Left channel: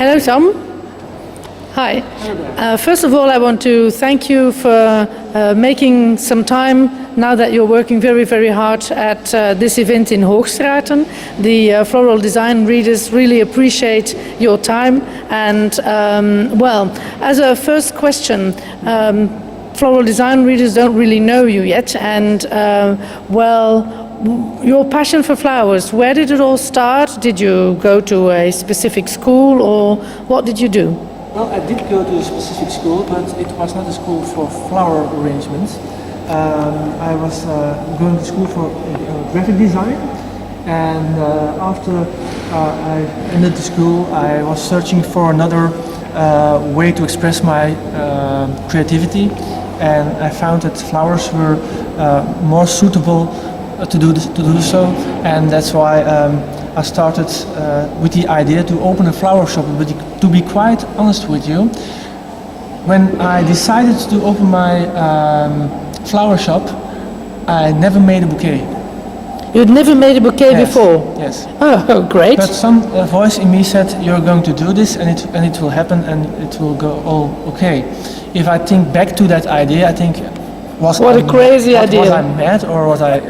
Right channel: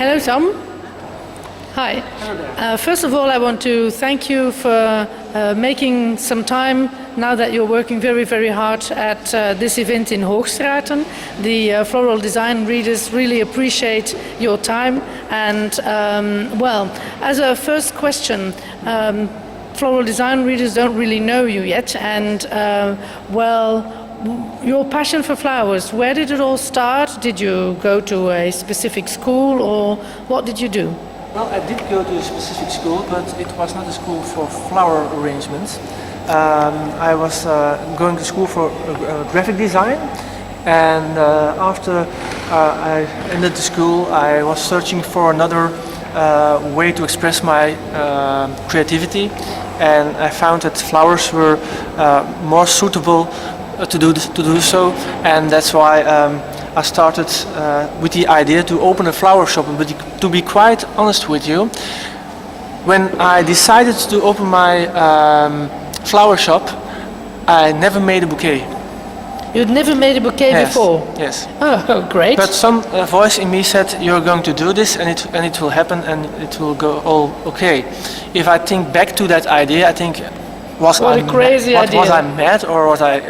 Hello, Tom. Hi. First of all, I want to thank you for making some time now that you're working very, very hard at this event in Hoogstraten. The floral design readers really appreciate your time. And, as a first question, floral design readers don't really know you yet. And, your passion for flowers, where did it all start? Did you go to a specific school or what did you do? Well, I did go to a specific school, but it was not a school for flower arrangements. I was going to school for graphic design, and after I ended the school, I was searching for another way to express my creativity, and I found that flowers were more suitable to do so, and that's why I started with the idea to open a flower shop. But to be quite honest with you, when I decided to open my flower shop, I never made a bouquet. You'd never made a bouquet before? Yes. Oh, great. But some voice in me said, you're going to do this and it will happen and it will go all okay. If I think back to that idea, I think, was a crazy idea. Was I mad or was I...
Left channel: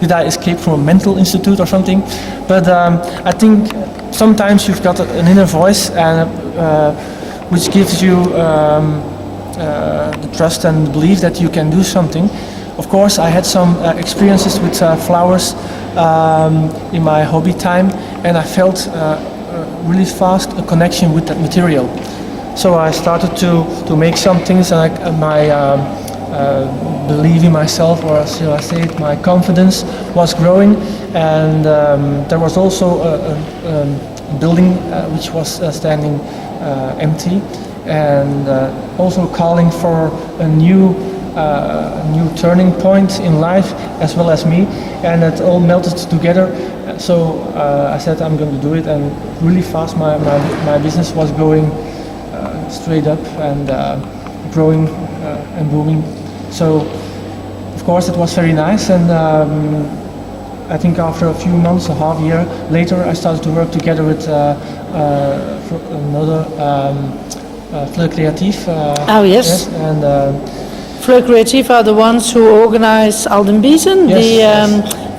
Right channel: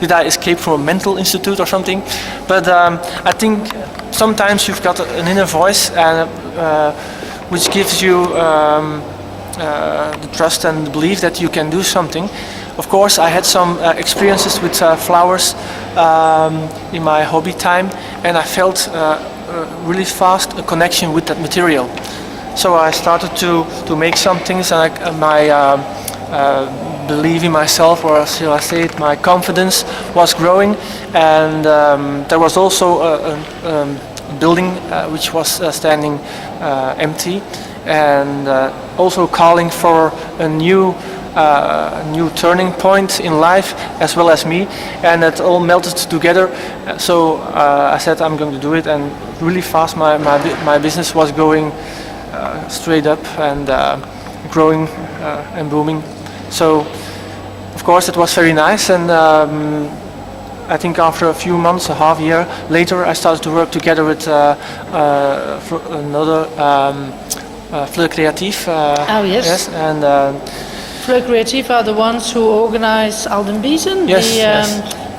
did I escape from a mental institute or something? But I think sometimes you've got an inner voice and which gives you the trust and the belief that you can do something. Of course, I had some experiences with flowers in my hobby time, and I felt really fast a connection with that material. So I started to make some things, and my believe in myself, or shall I say it, my confidence was growing, and there was also a building which was standing empty, and also calling for a new turning point in life, as well as me, and it all melted together. So I said I'm going to do it, and really fast my business was going straight up and growing and booming. So of course it was very nice, and I think after a few months, a half year later, I started to work together with another Fleur Creatief. Oh yes. And Fleur Creatief are the ones who organize Aldenbiesen,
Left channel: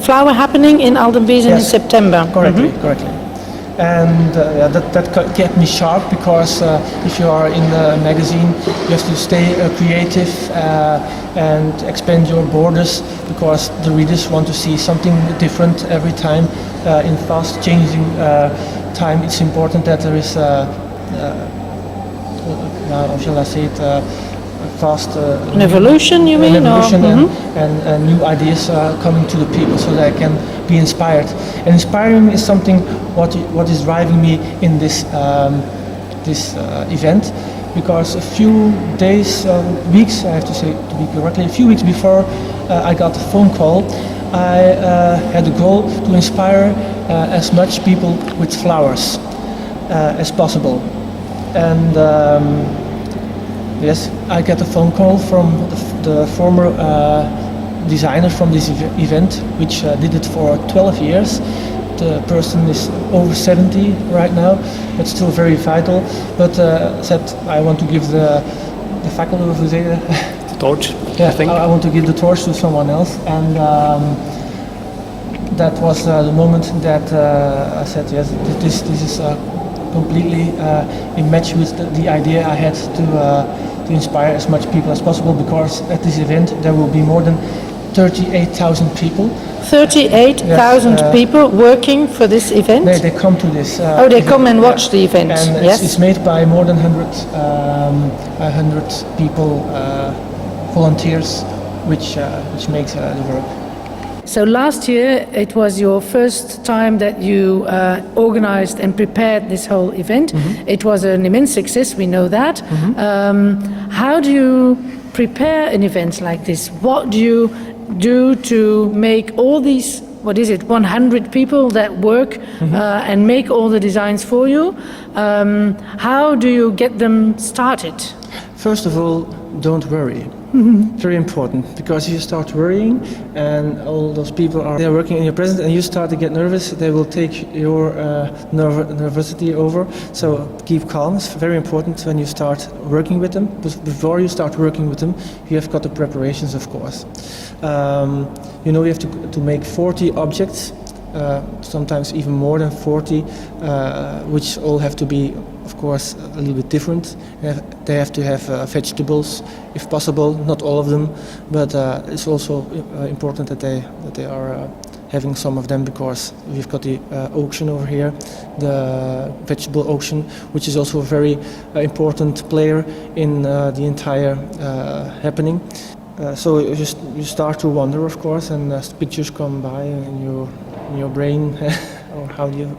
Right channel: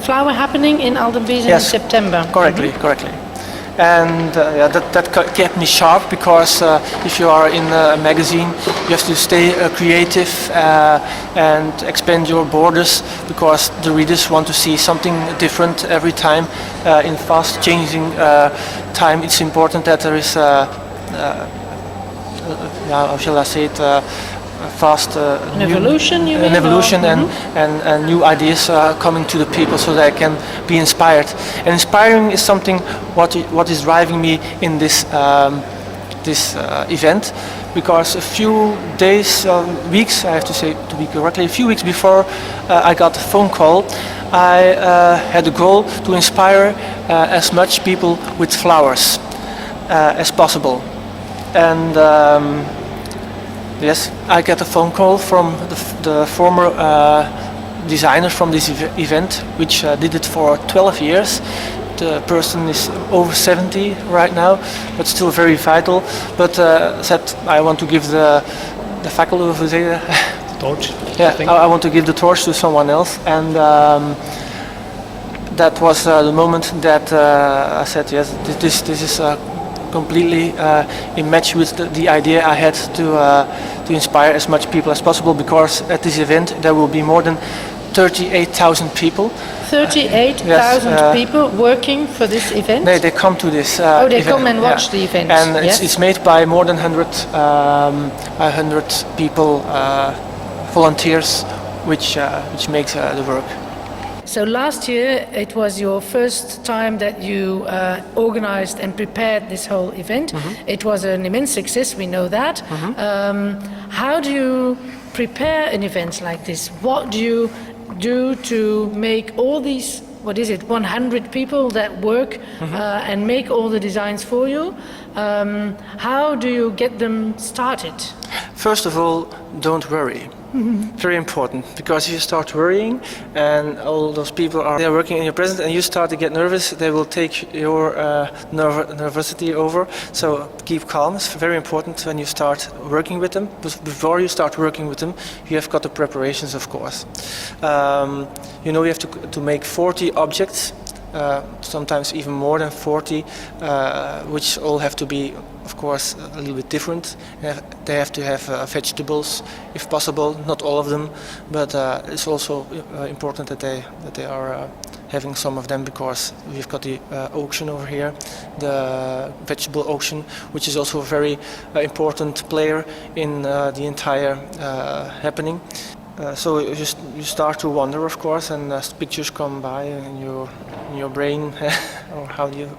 flower happening in Aldenbiesen in September. Correctly. And that kept me sharp, because if you are in a magazine, you have to stay creative and expand your borders, because the readers want to see something different every time. In fast changing time, it's important that there is, how shall I say it, fast an evolution, you mean? An evolution, and new ideas coming to the people, so that I can be inspired. And inspiring is something what is driving me in this event, because a few days, weeks, I have to say to be correctly, a few weeks before I got a phone call, I had a goal to inspire as much people with flowers as possible. And yes, I got a phone call from the former designer from this event, which did it for 12 years. The person is over 70 right now, but still very vital. But said, I want to give the faculty of the torch. Yeah, I want to give the torch to someone else, and that was the moment that I said, yes, this is completely in match with the idea I had to inspire as much people as possible, because at this event there will be more than 38,000 people. 38,000 people working for this event? They come to this they event. come and watch the event. And it's made by more than 100 people, volunteers, which makes the work. So last year it was your first time that you organized and prepared this whole event. It was an immense success, we know that. How do you prepare an event like this? What do you do to make all these, 100 people that work and make all the designs for you? How do you get them started? First of all, don't worry. Very important, because if you start worrying and all those people they're working in your presence and you start to get nervous, they will take your nervosity over. So keep calm. It's very important when you start working with them. But before you start working with them, you have got the preparations, of course. You have to make 40 objects. Sometimes even more than 40, which all have to be, of course, a little bit different. They have to have vegetables, if possible, not all of them, but it's also important that they are having some of them, because we've got the auction over here, the vegetable auction, which is also a very important player in the entire happening. So you start to wonder, of course, and pictures come by in your brain, or how do you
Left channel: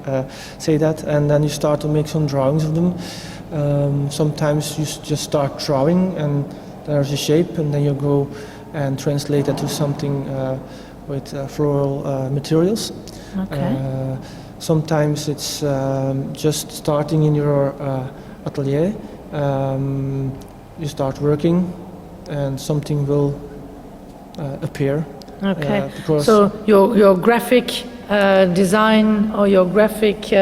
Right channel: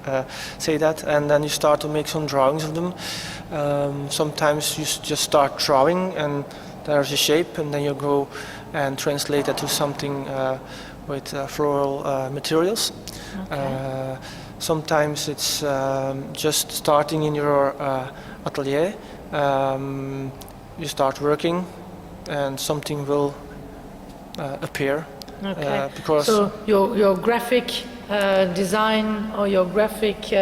say that? And then you start to make some drawings of them. Sometimes you just start drawing, and there's a shape, and then you go and translate that to something with floral materials. Okay. Sometimes it's just starting in your atelier. You start working, and something will appear. Okay. Because so your graphic design or your graphic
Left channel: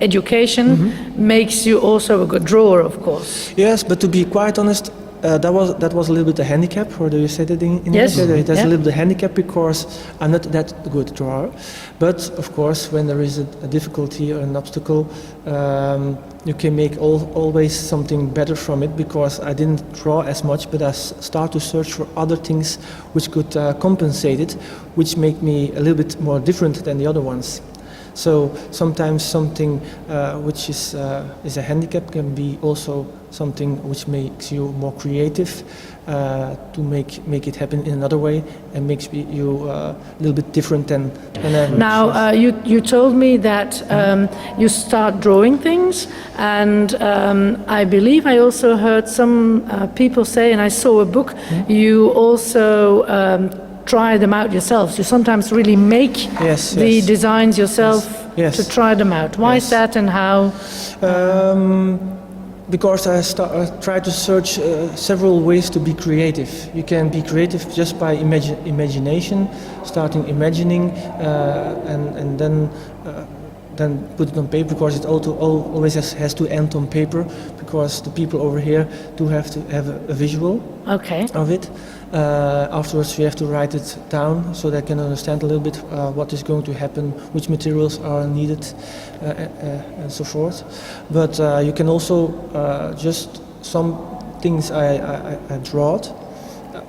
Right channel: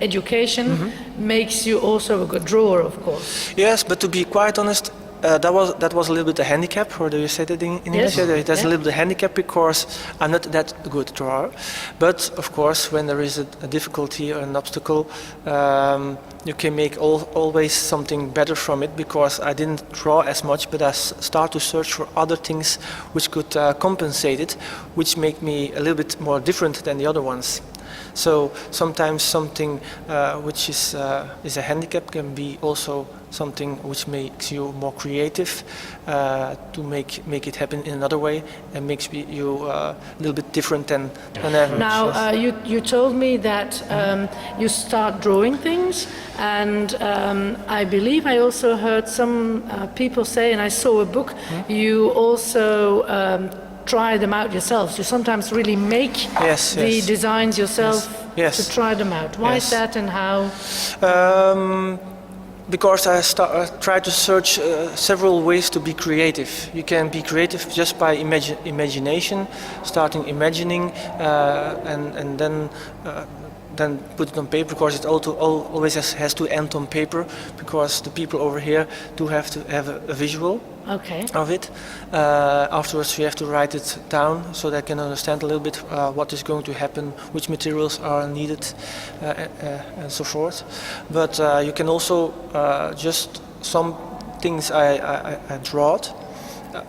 education makes you also a good drawer, of course. yes, but to be quite honest, that was a little bit a handicap, or do you say that in Yes. English? That's Yeah. a little bit a handicap, because I'm not that good drawer. But of course, when there is a difficulty or an obstacle, you can make always something better from it, because I didn't draw as much, but I start to search for other things which could compensate it, which make me a little bit more different than the other ones. So sometimes something which is a handicap can be also something which makes you more creative, to make it happen in another way, and makes you a little bit different than average. Now, you told me that you start drawing things, and I believe I also heard some people say, and I saw a book, you also try them out yourselves. You sometimes really make the designs yourself Yes. to try them out. Why is that, and how? Because I try to search several ways to be creative. You can be creative just by imagination, starting imagining, and then put it on paper, because it always has to end on paper, because the people over here do have to have a visual of it. Afterwards, we have to write it down so they can understand a little bit what is going to happen, which materials are needed, and so forth. But you can also just some things I drawed.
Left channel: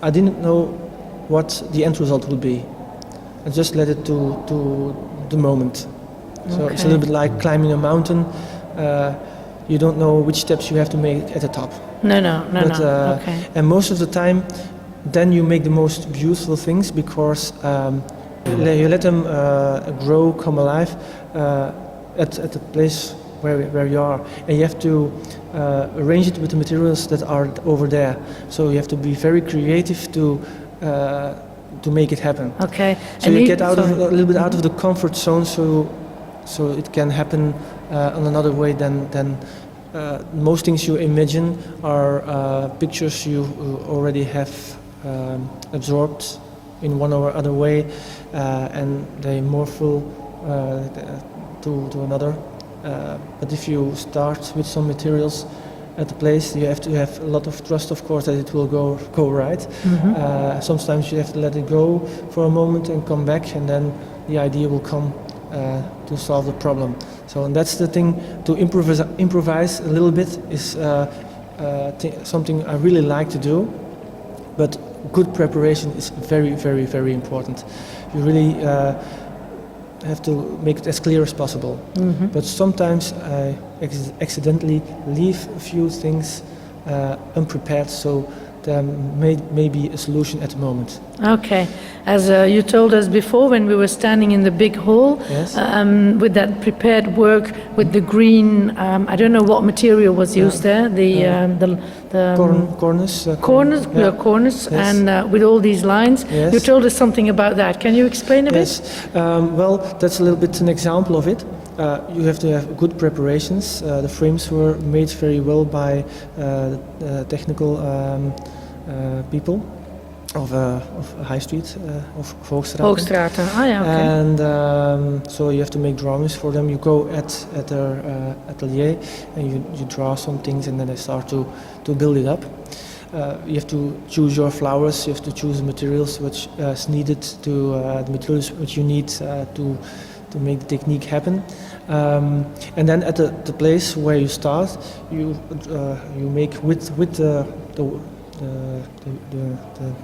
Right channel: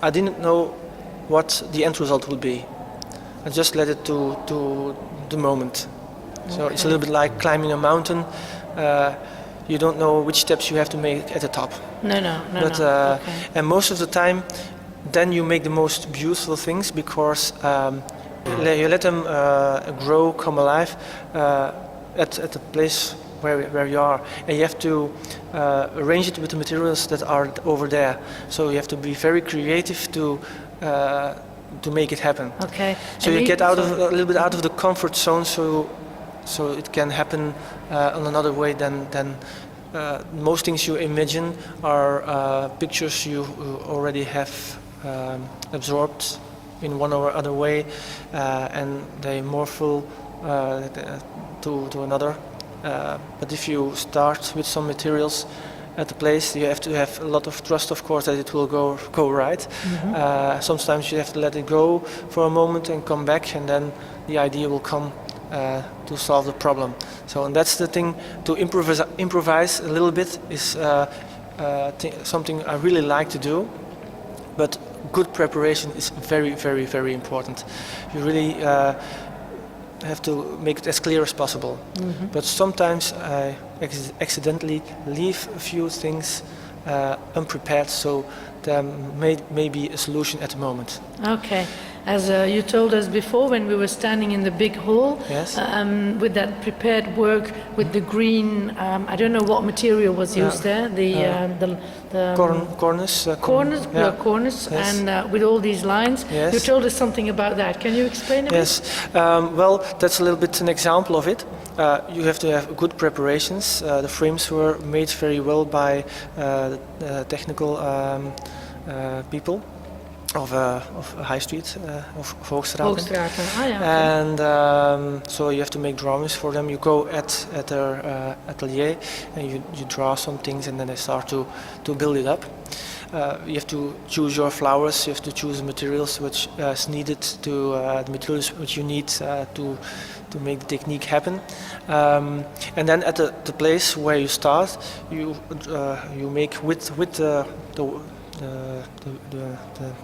I didn't know what the end result would be. I just let it to the moment. So it's a little bit like climbing a mountain. You don't know which steps you have to make at the top. No. And most of the time, then you make the most beautiful things, because you let them grow, come alive at the place where you are, and you have to arrange it with the materials that are over there. So you have to be very creative to make it happen. Okay. So you get a little bit out of the comfort zone, so it can happen on another way than most things you imagine are pictures you already have absorbed in one or other way, and they morph to another. But if you start with some materials at the place, you have to have a lot of trust, of course, that it will go right. Sometimes you have to let it go for a moment and come back, and then the idea will come to solve the problem. So, and that's the thing, to improvise a little bit is something I really like to do, but good preparation is very, very, very important. You really have to make it as clear as possible. But sometimes I accidentally leave a few things unprepared, so there may be a solution at the moment. Okay. As you told us before, when we were standing in the big hall, Yes. With that prepared work, with the green, I don't know what material was used there, the Cornice. cornice, Yes. and with all these lines. Yes. You told us something about that. Can you explain a bit? Yes, well, that's a little bit an example of it. You have to have good preparations. The frames were made very well by the technical people of High Street of Hoogstraten. Hoogstraten. Ah, yeah. Okay. And so you have to make drawings for them. You go at their atelier and you draw some things, and then they start to build it up. You have to choose your flowers. You have to choose the materials which is needed to the materials which you need to make the technique happen. And then at the place where you start, you make with the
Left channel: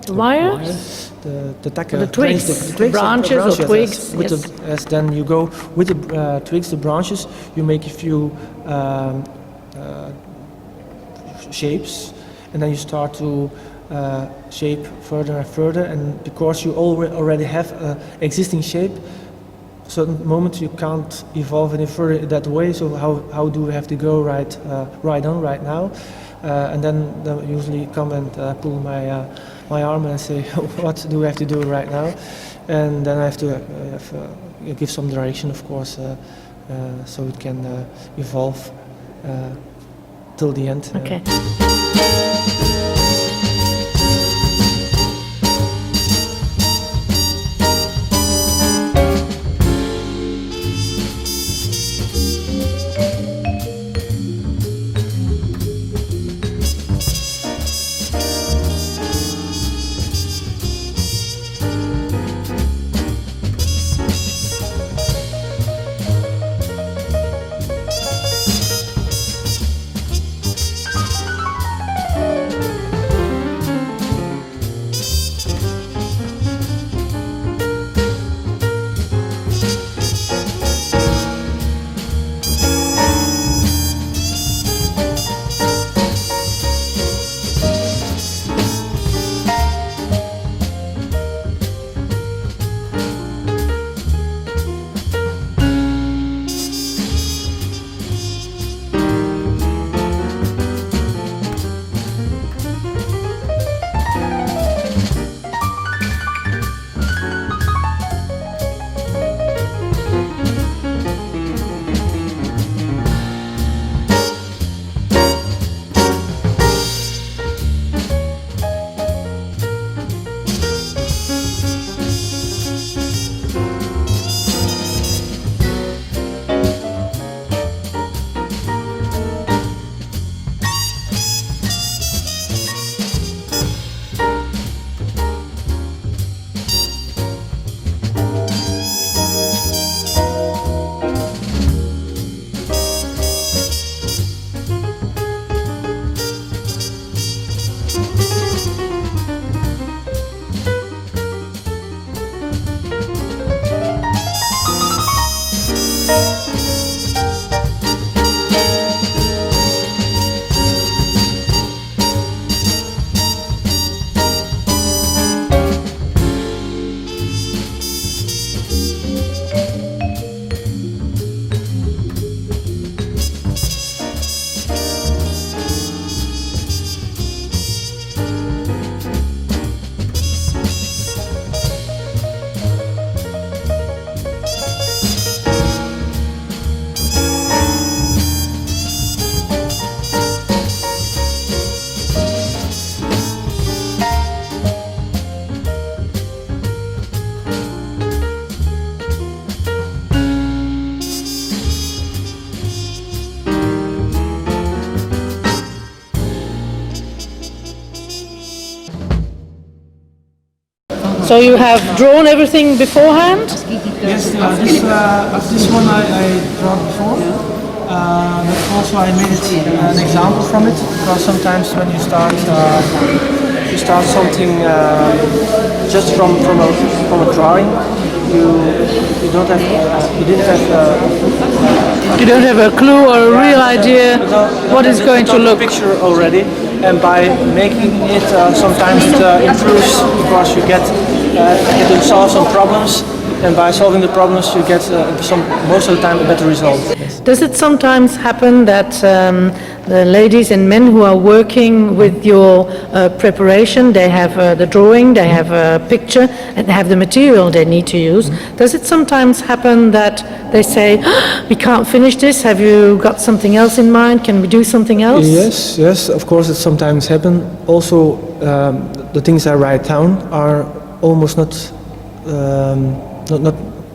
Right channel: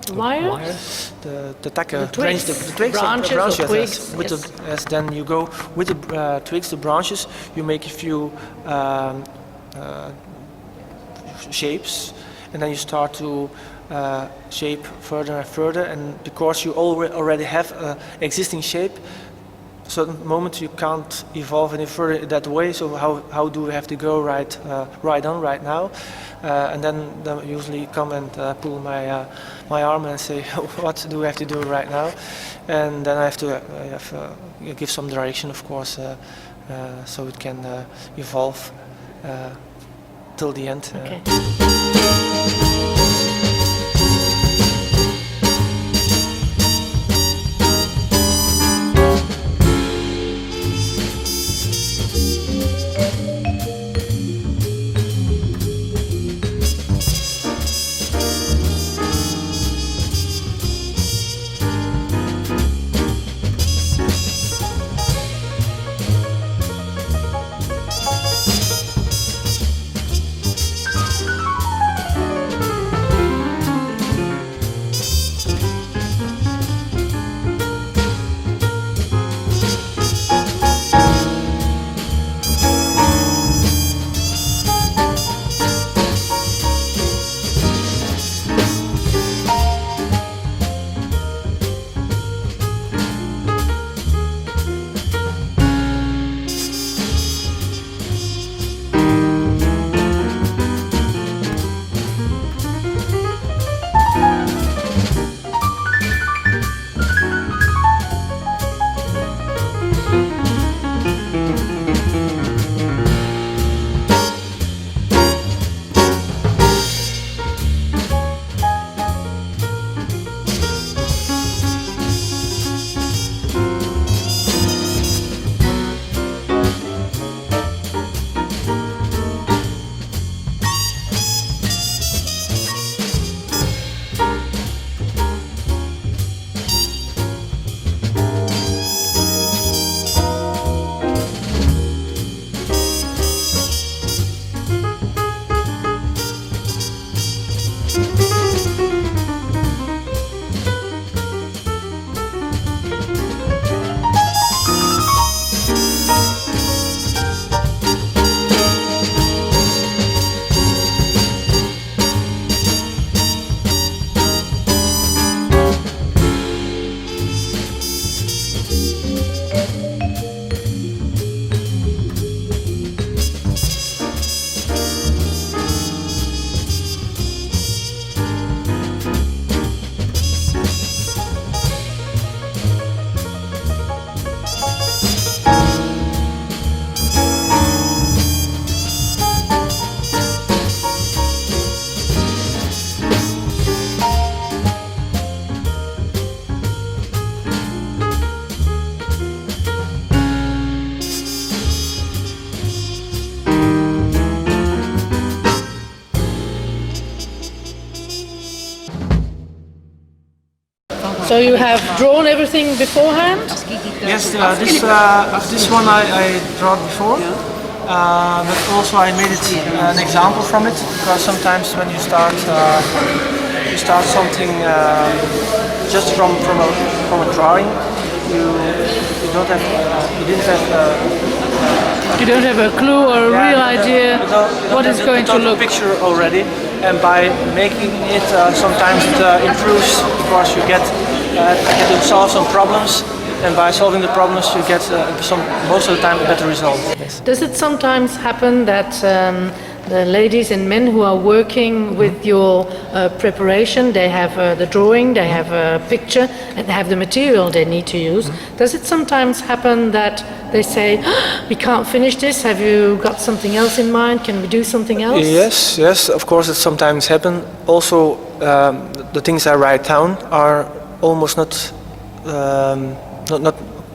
wire? The takken, The twigs, the twigs, branches or twigs. Yes. With yes. Then you go with the twigs, the branches. You make a few shapes, and then you start to shape further and further. And because you already have an existing shape, certain moment you can't evolve any further that way. So how do we have to go right now? And then they usually come and pull my arm and say, what do we have to do right now? And then I have to give some direction, of course, so it can evolve till the end. Okay. So you have drawn everything beforehand? Yes, this one I drawn before. But also I made it an example from it, because sometimes when you start something just from a drawing, you don't have You don't have a clue or a real idea what it's going to look. Picture already, and by making it sometimes it improves, because you get to solve some problems and by solving the problems you get most of the time a better result. Yes. Does it sometimes happen that the ladies and men who are working with your preparation, they have the drawing, they have a picture, and they have the material they need to use? Does it sometimes happen that they say, we can't finish this, have you got something else in mind, can we do something else? Yes, of course it sometimes happens. Also, the things I write down are almost not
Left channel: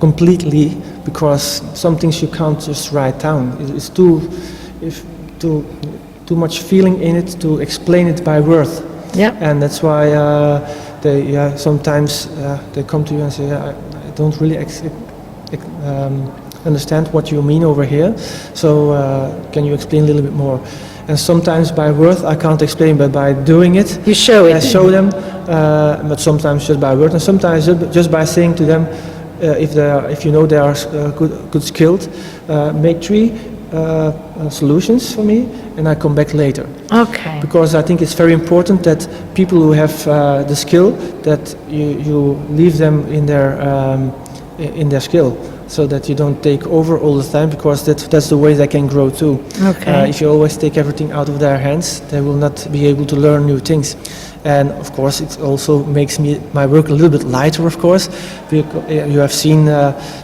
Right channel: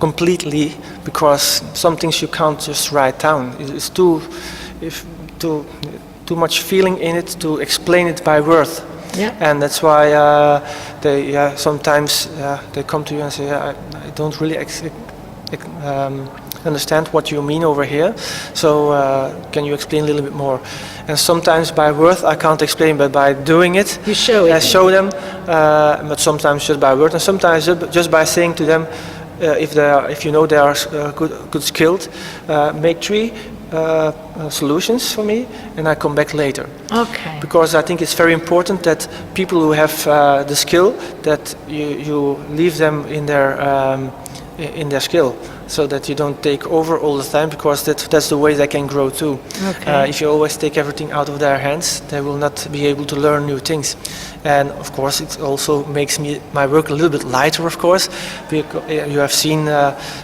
completely, because some things you can't just write down. It's too much feeling in it to explain it by word. Yeah. And that's why they sometimes they come to you and say, I don't really understand what you mean over here, so can you explain a little bit more? And sometimes by word I can't explain, but by doing it, you show it. I show them, but sometimes just by word, and sometimes just by saying to them, if you know they are good skilled, make 3 solutions for me, and I come back later. Okay. Because I think it's very important that people who have the skill, that you leave them in their skill, so that you don't take over all the time, because that's the way they can grow too. Okay. If you always take everything out of their hands, they will not be able to learn new things. And of course it also makes my work a little bit lighter, of course, because you have seen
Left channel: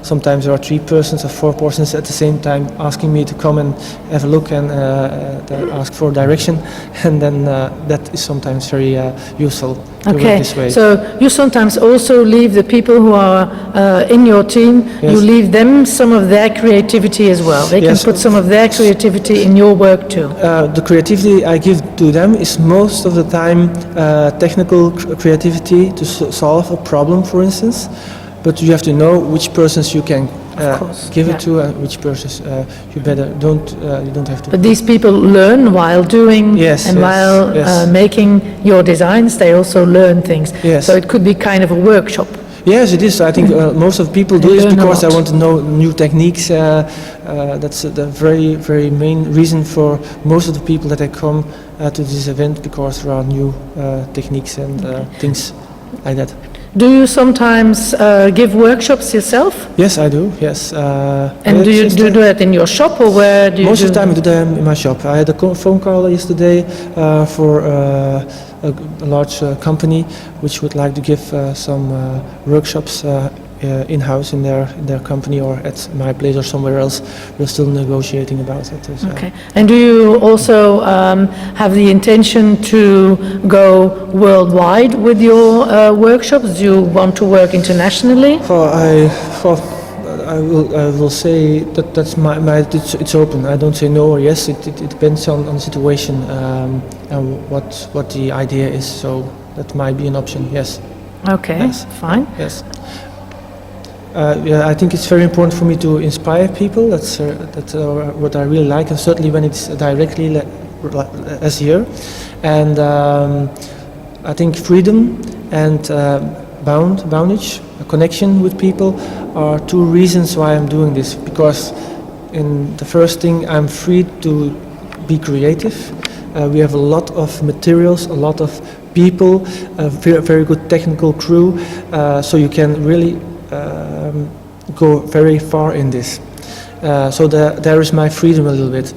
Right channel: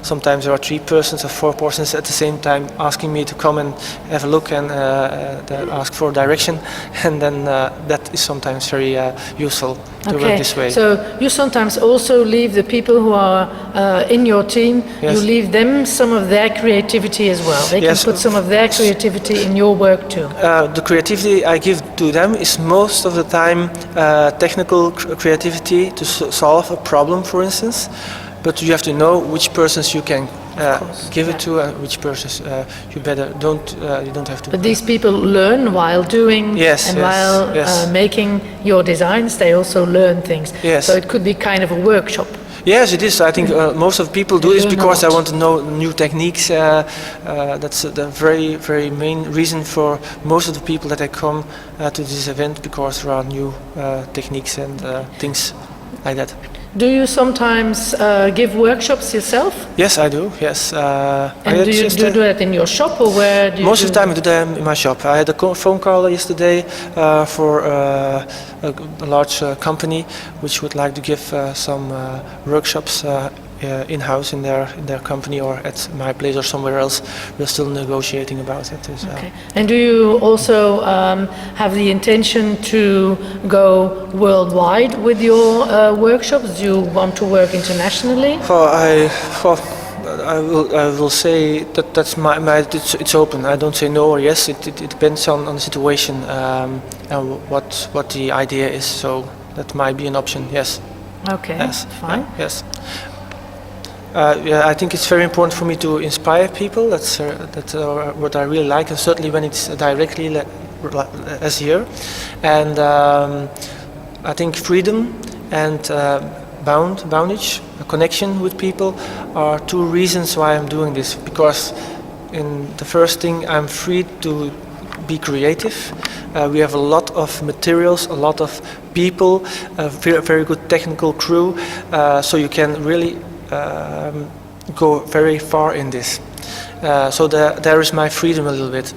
sometimes there are 3 persons or 4 persons at the same time asking me to come and have a look and ask for direction, and then that is sometimes very useful to work this way. So you sometimes also leave the people who are in your team, you leave them some of their creativity as well. They can put some of their creativity in your work too. The creativity I give to them is most of the time technical creativity to solve a problem, for instance, but you have to know which persons you can give it to, and which persons you don't have to. But these people learn while doing while making your designs. They also learn things. Yes. So it could be kind of a workshop. Yes, it is. I think most of people do this because they want to know new techniques. That's the very, very main reason for most of the people that they come to this event, because there are new techniques and things like that. Do you sometimes give workshops yourself? Yes, I do. Yes. And do you do that in your shop, or where do you? Most of the time I do them in my shop. I had a phone call yesterday for a large company which would like to give some workshops in-house in their company, or at my place or somewhere else. We're still negotiating about it. So. Okay. And do you also have the intention to go worldwide with your workshops? Do you want to work internationally? I will say that's it's open. I don't say no or yes. It depends on the situation and what the idea is. So that might be an option. Yes. Okay. Yes. Fine. Yes. I think it's very important for me to inspire people. That's what I really like, and certainly when it's directly as here. And I think freedom and boundage, a connection with people, are 2 reasons why I'm doing this. Because in the first thing, I'm free to be creative. We have a lot of materials, a lot of people, a very good technical crew, so you can really go very far in this. So there is my freedom a little bit.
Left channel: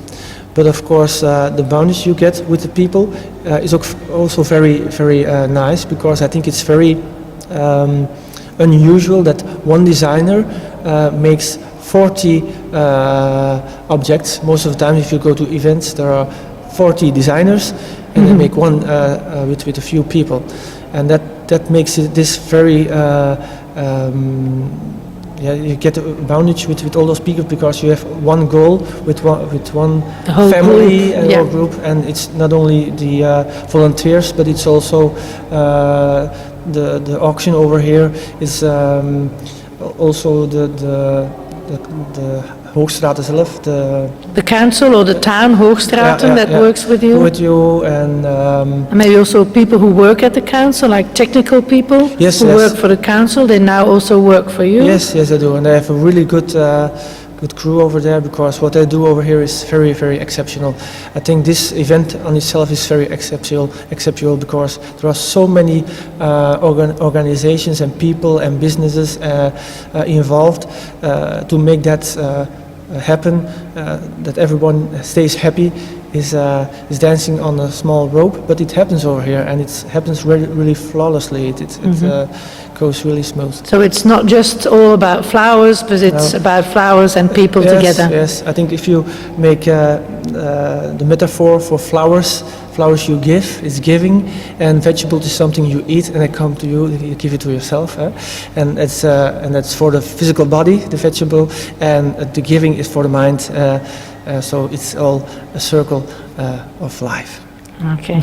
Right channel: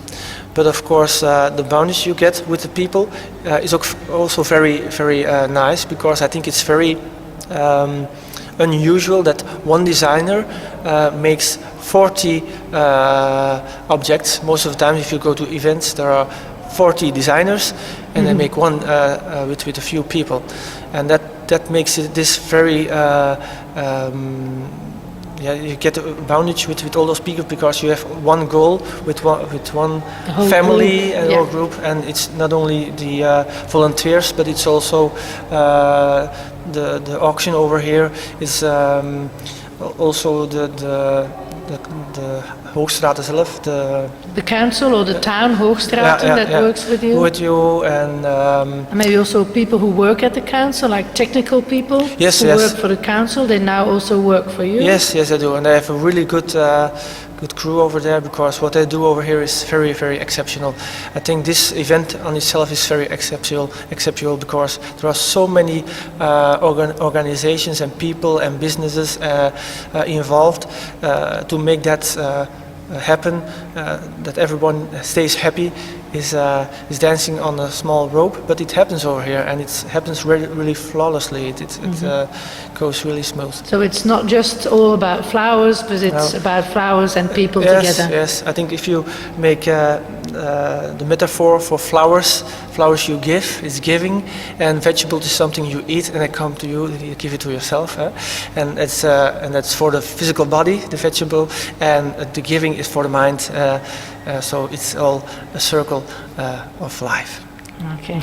But of course the boundaries you get with the people is also very, very nice, because I think it's very unusual that one designer makes 40 objects. Most of the time if you go to events there are 40 designers and they make one with a few people, and that makes this very you get a boundage with all those people, because you have one goal with one family and whole group, and it's not only the volunteers, but it's also the auction over here is also the Hoogstraten zelf, the council or the town Hoogstraten that works with you? With you, and maybe also people who work at the council, like technical people who work for the council, they now also work for you? Yes, I do, and they have a really good good crew over there, because what they do over here is very, very exceptional. I think this event on itself is very exceptional because there are so many organizations and people and businesses involved to make that happen, that everyone stays happy, is dancing on a small rope, but it happens over here, and it happens really flawlessly. It goes really smooth. So it's not just all about flowers, but it's about flowers and people together. Yes, I think if you make the metaphor for flowers you give, is giving, and vegetables is something you eat and they come to you, you give it to yourself. And that's for the physical body, the vegetable, and the giving is for the mind. So it's all a circle of life. Okay.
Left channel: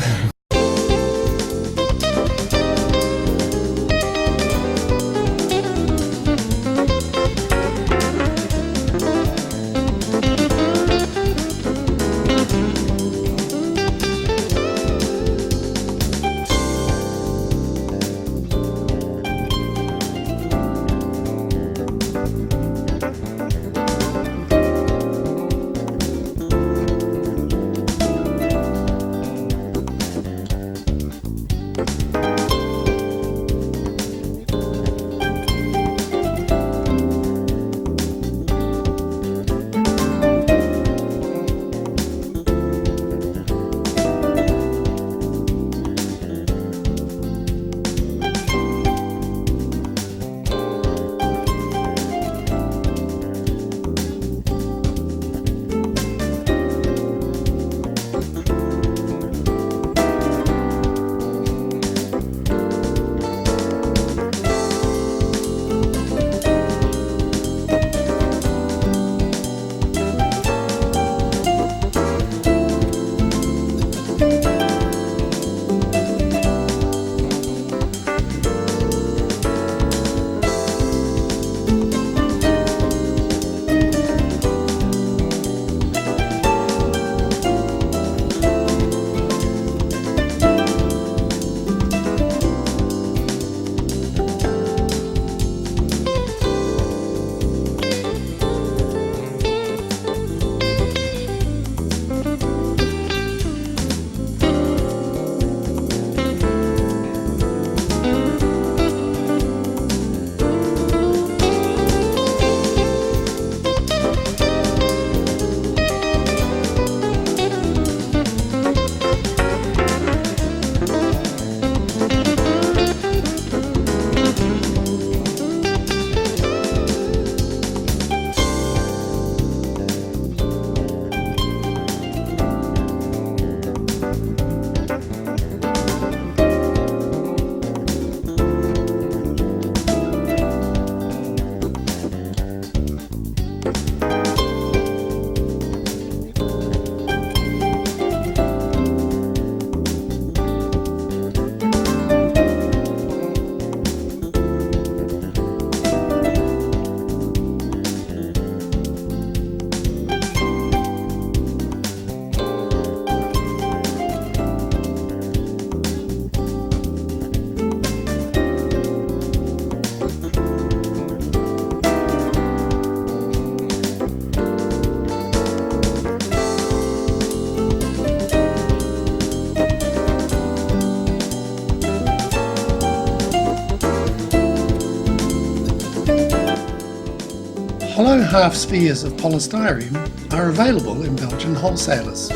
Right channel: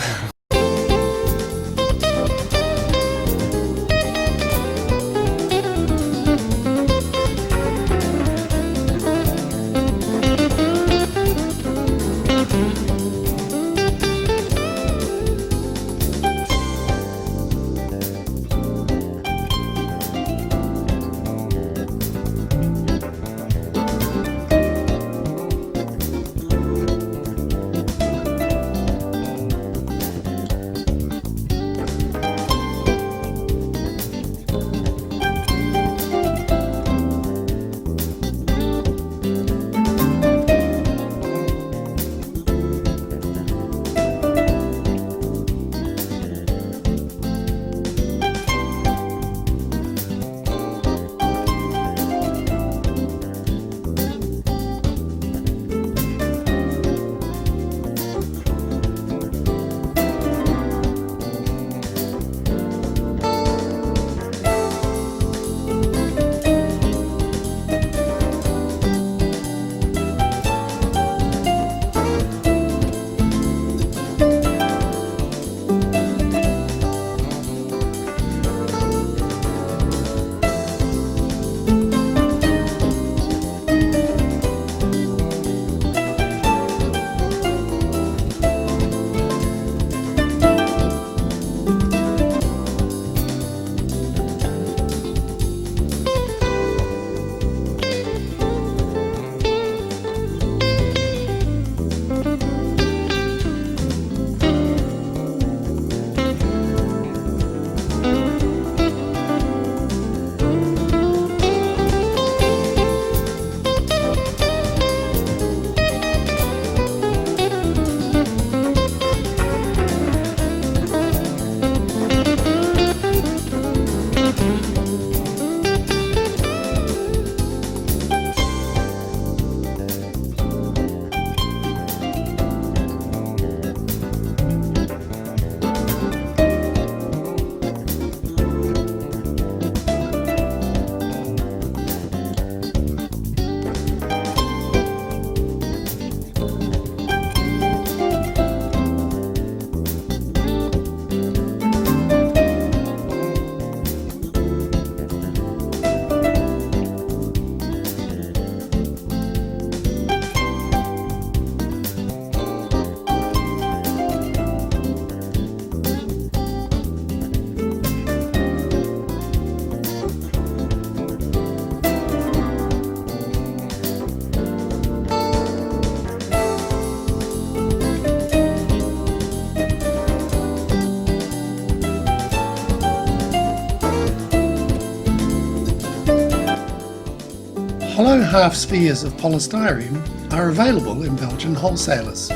Hollow half spheres of polystyrene are available in Belgian wholesalers.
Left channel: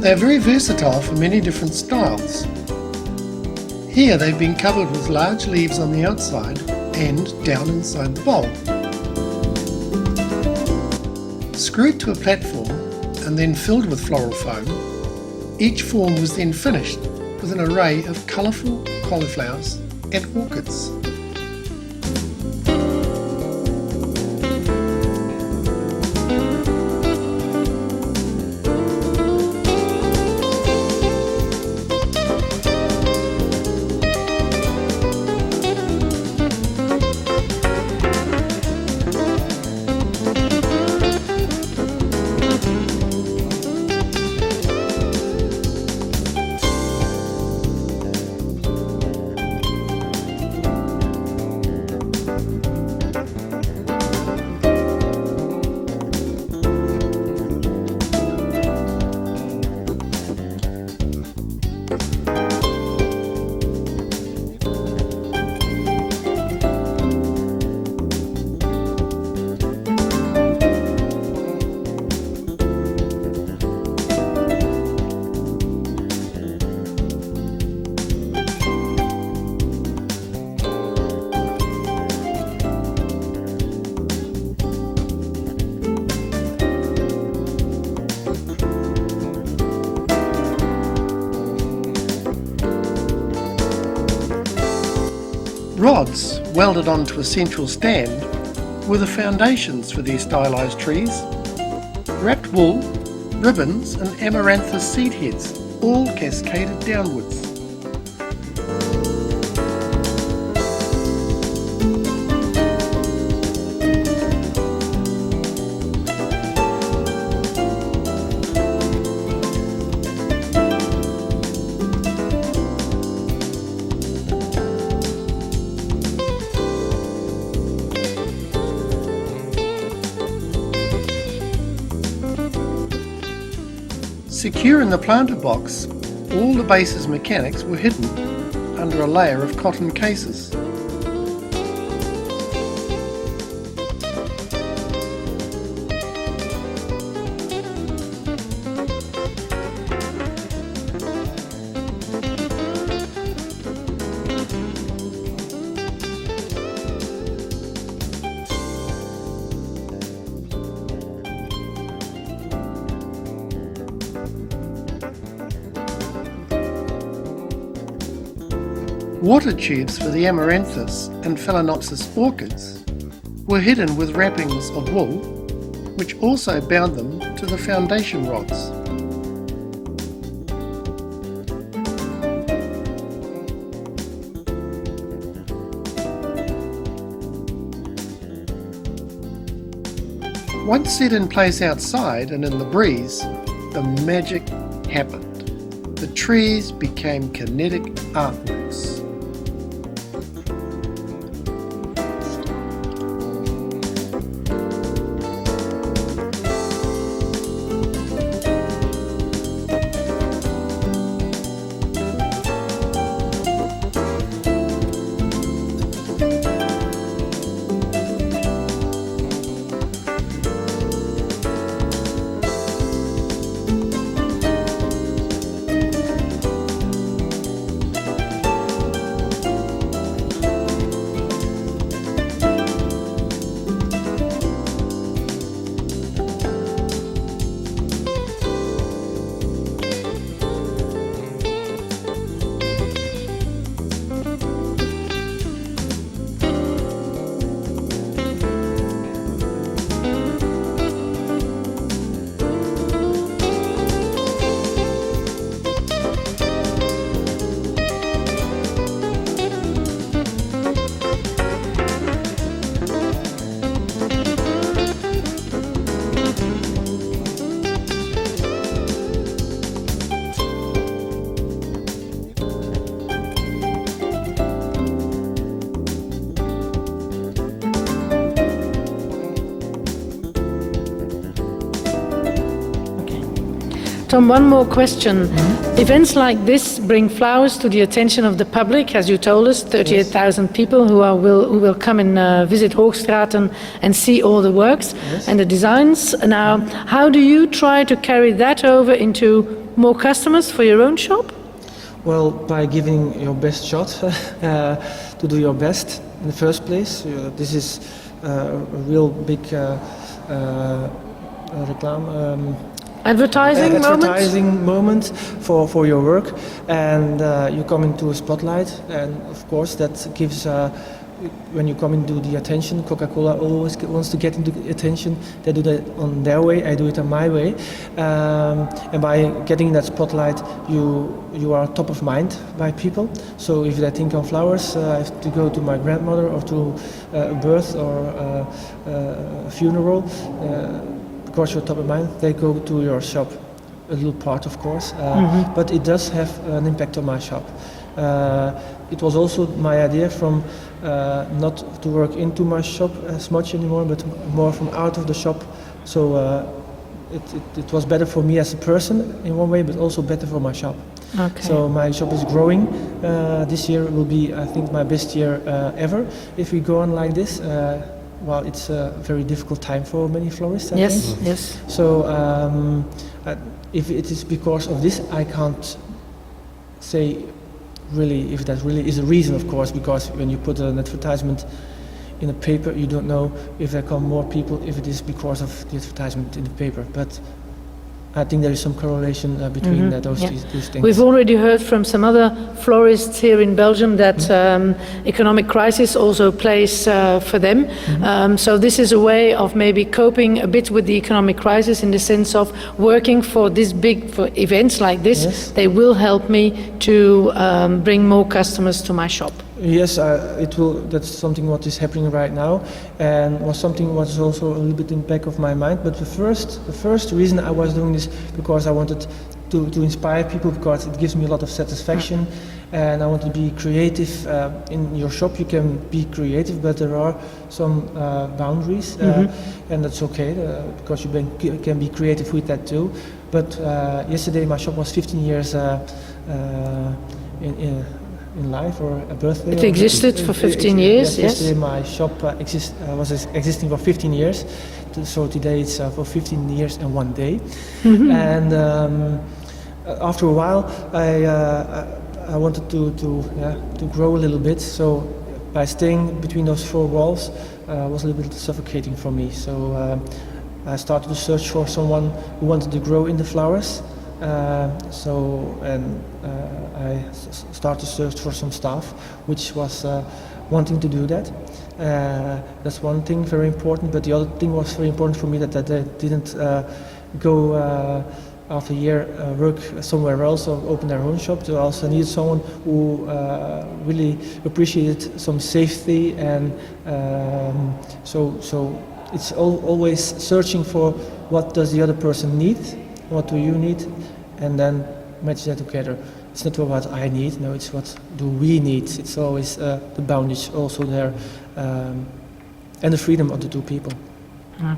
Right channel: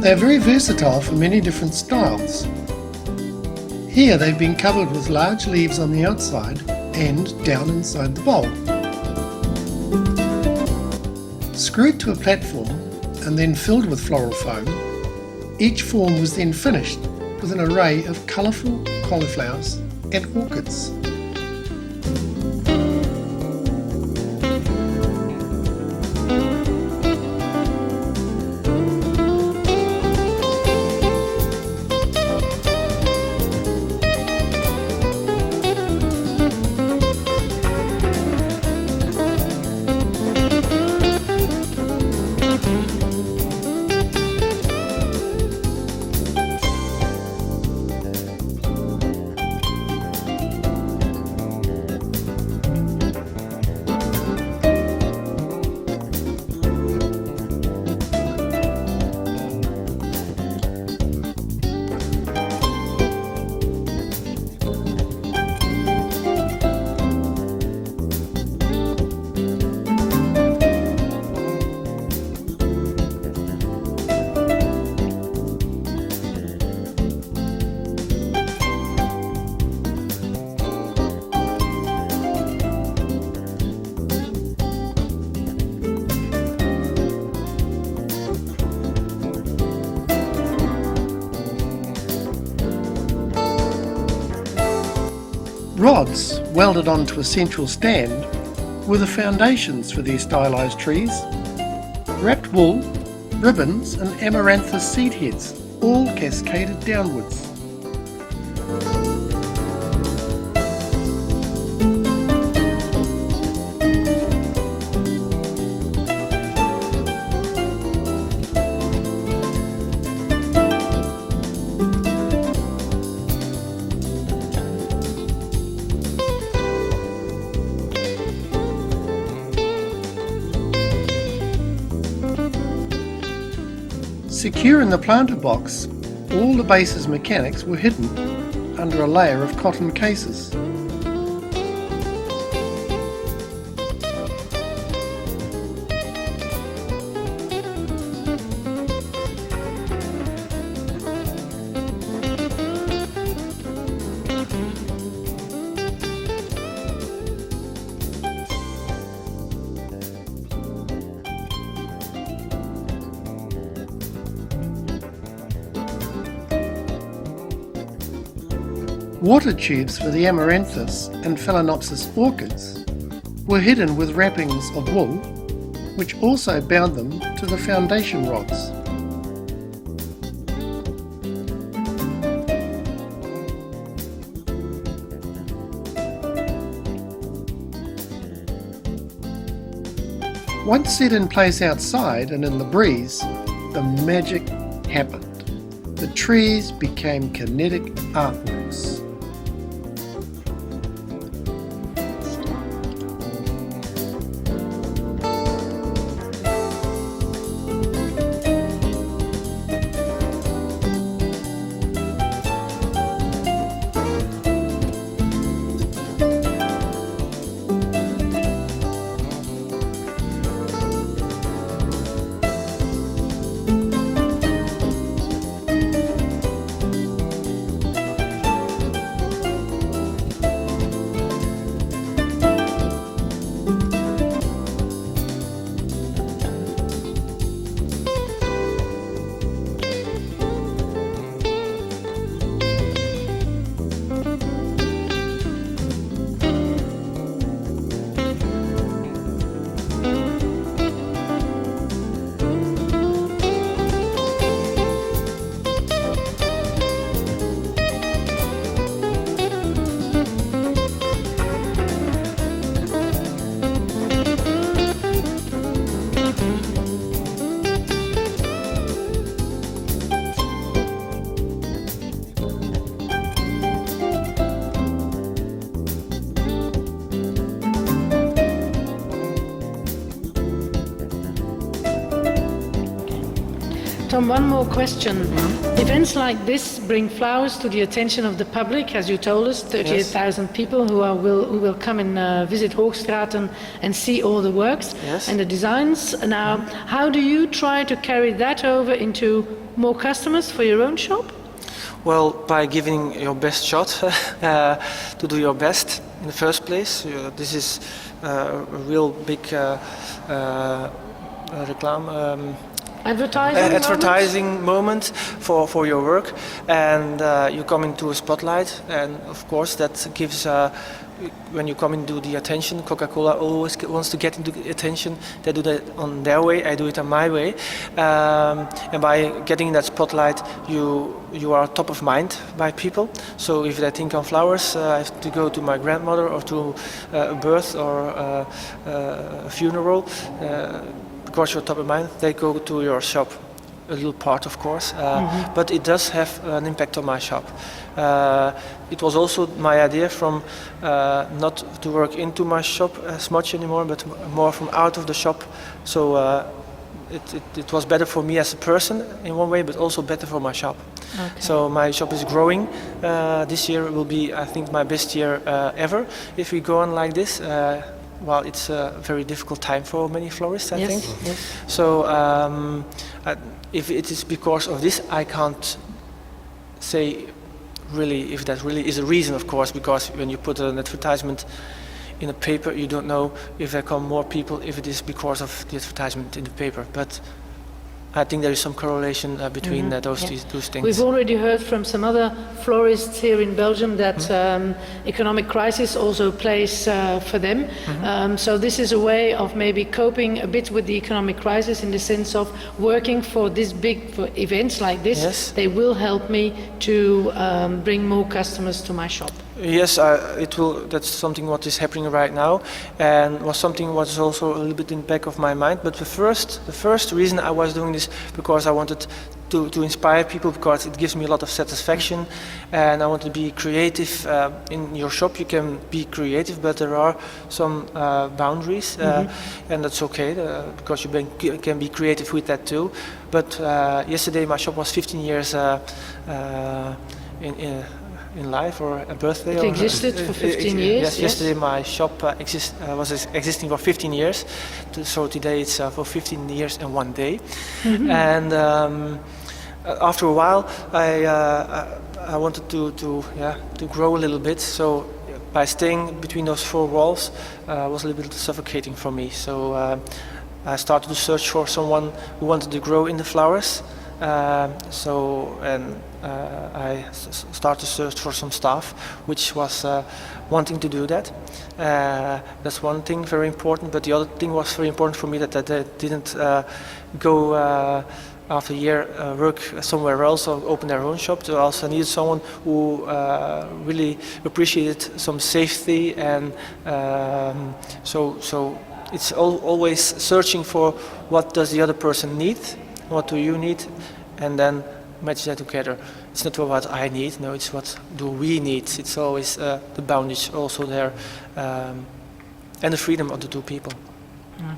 They are very versatile for many different styles. Here they've been covered with large leaves on the outside and down inside the bowl. Screwed to a platform and then filled with floral foam, each form was then finished with an array of colourful cauliflowers and orchids. rods welded onto a central stand were the foundations for these stylised trees. Wrapped wool, ribbons and amaranthus seed heads all cascaded downwards. Secure in the planter box, all the base's mechanics were hidden under a layer of cotton cases. Water tubes for the amaranthus and phalaenopsis orchids were hidden with wrappings of wool, which also bound them to the foundation rods. Once set in place outside and in the breeze, the magic happened. The trees became kinetic artworks. Tom, one more question. Events like this bring flowers to the attention of the public, as you told us, 38,000 people who will come and visit Hoogstraten and see all the works and the designs. Now, how do you try to carry that over into more customers for your own shop? Well, by giving your best shot, to do your best in the first place. This is a real big reclame. Advertising moment for your work, and you come into a spotlight, and of course that gives when you come into the attention. Coca-Cola always wants to get into attention. They do that on their way, I do it on my way, and by getting in that spotlight you are top of mind by people. So if they think of flowers, I have to go to my grandmother or to a birth or a funeral. Of course, you're top of mind, they go to your shop. A little part, of course, but it does have an impact on my shop. It was also my idea from not to work into my shop as much anymore, but more from out of the shop. So it was better for me as a person in one way, but also better for my shop. Okay. So my shop is growing. This year will be, I think, my best year ever if we go on like this. Well, it's a very difficult time for many florists, I think. Yes. So if it is because of this, I can't say really if that really is a reason, of course, because when you put an advertisement in a paper, you don't know if there come more people, if it is because of the advertisement in the paper. But I think there is some correlation between those things. We've already heard from some other florists here in Belgium that economic crisis also plays for them. So this is a way of maybe coping a bit with the economic crisis in the sense of working for events like this. Yes. They will help me to bring more customers to my shop. Yes, it will. That's something what is happening right now, and was something what is also a little bit in the back of my mind. But the first reason I was doing this because I wanted to inspire people, because it gives me a lot of satisfaction, and I want to be creative. In your shop, you can be creative, but there are some boundaries, and that's okay because you can be creative with that too. But yesterday, my shop was 15 years in life, or a birthday. It existed for 15 years. Yes, yesterday my shop was existing for 15 years. So today it's for 15 years and 1 day. And after a while, I wanted to grow a little bit. So by staying between those four walls was a little bit suffocating for me. So I started to search for someone who wanted to grow in the flowers. I started to search for some staff which was wanting to do that. That's one thing very important, but the other thing was very important for me that they didn't go after a year work somewhere else or open their own shop. They also needed someone who really appreciated some safety, and so it's always searching for what does the other person need. What do you need? And then match that together. It's not what I need, no, it's what do we need. It's always the boundaries also there, and the freedom of the two people.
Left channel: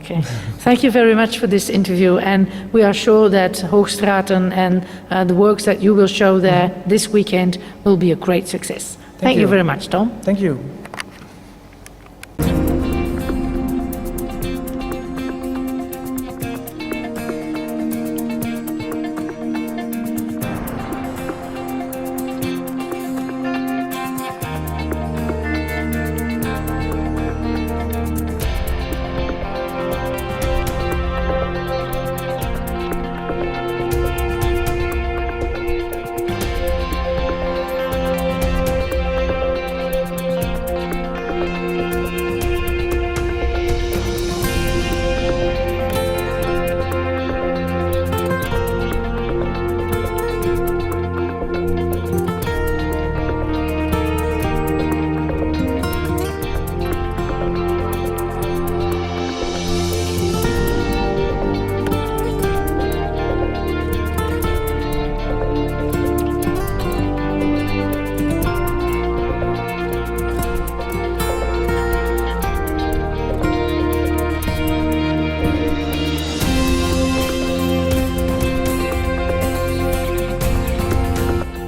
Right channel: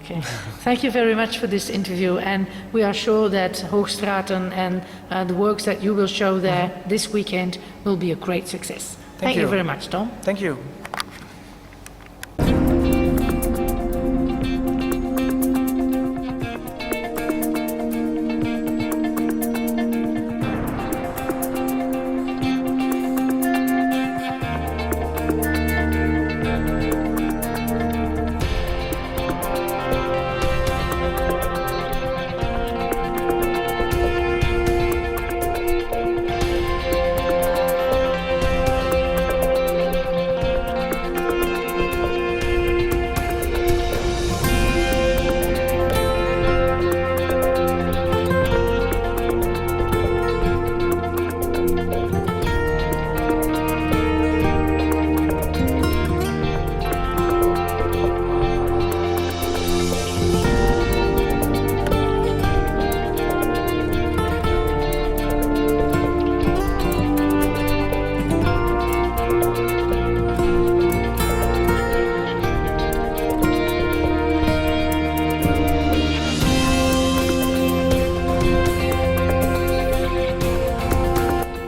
Okay, thank you very much for this interview, and we are sure that Hoogstraten and the works that you will show there this weekend will be a great success. Thank you very much, Tom. Thank you.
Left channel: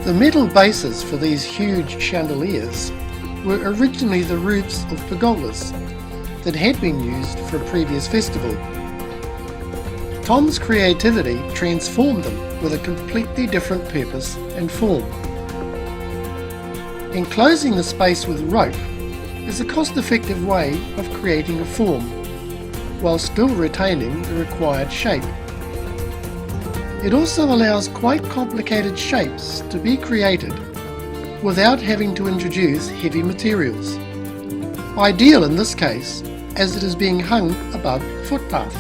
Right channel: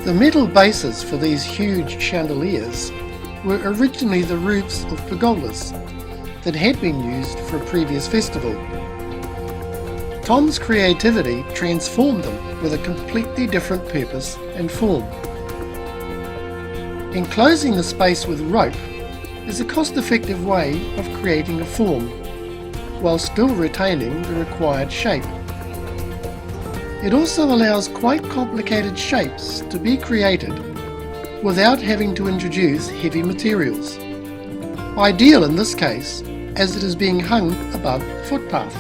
The metal bases for these huge chandeliers were originally the roofs of pergolas that had been used for a previous festival. Tom's creativity transformed them with a completely different purpose and form. Enclosing the space with rope is a cost-effective way of creating a form, while still retaining the required shape. It also allows quite complicated shapes to be created without having to introduce heavy materials. Ideal in this case, as it is being hung above footpath.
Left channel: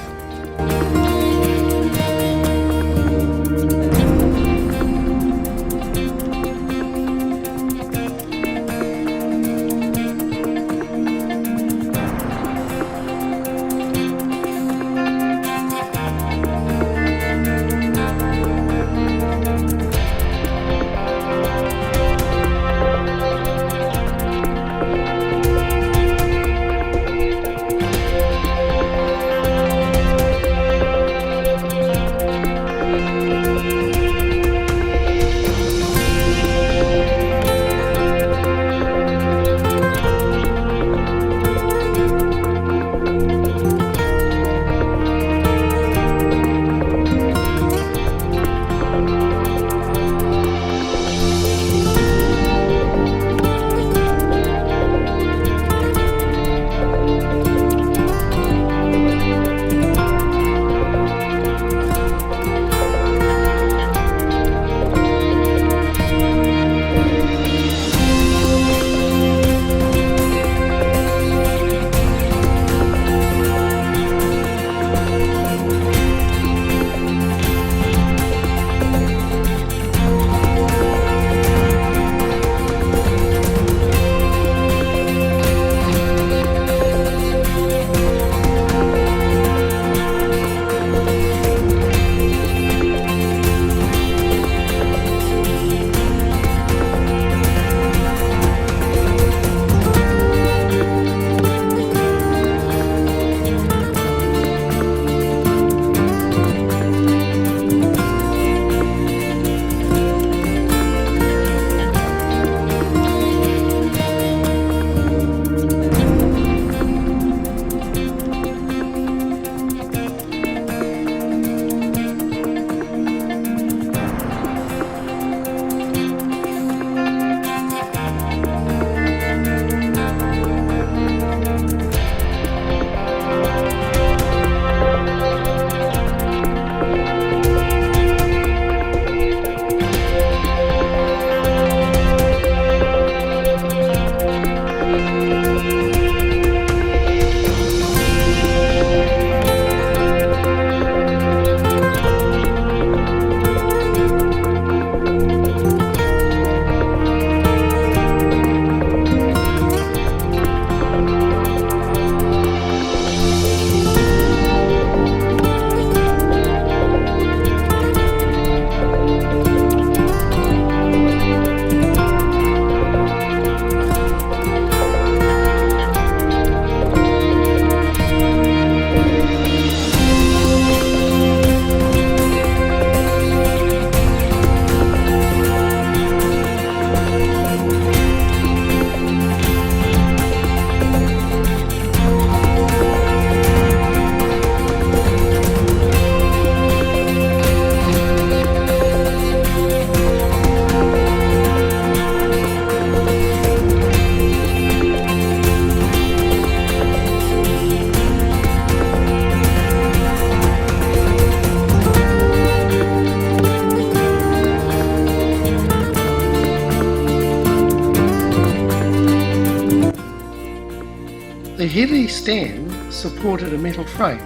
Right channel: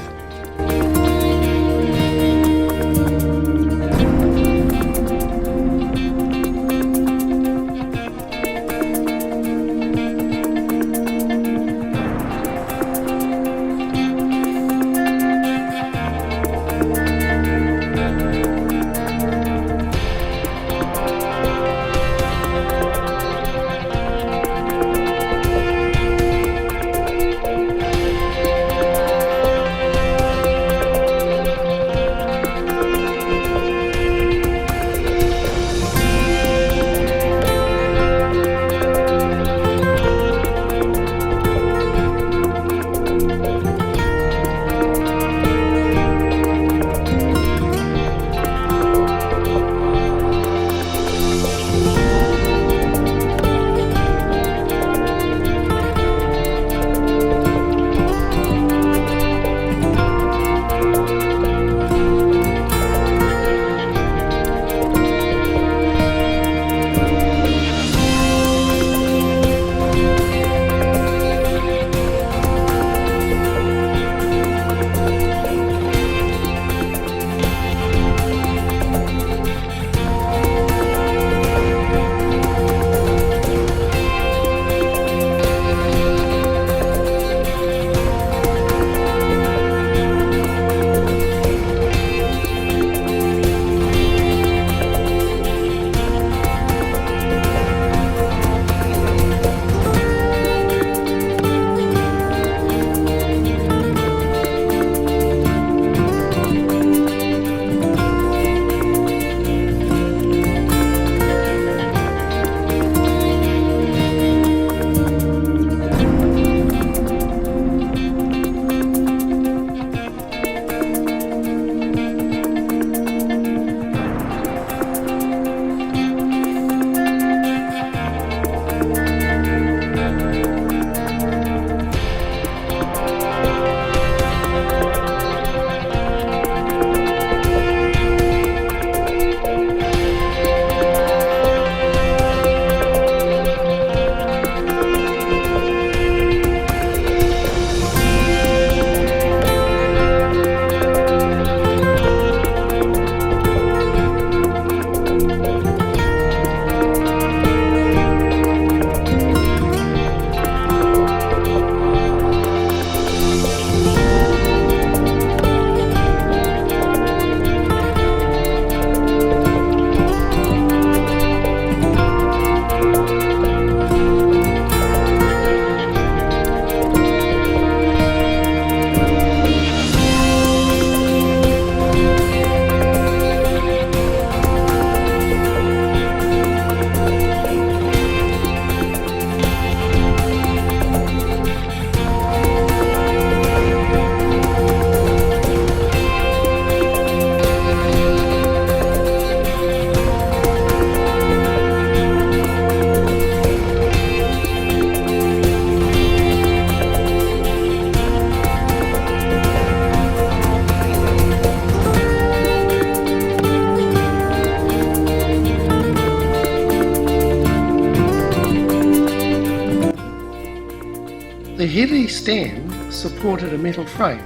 The heavy stand supported a metal frame,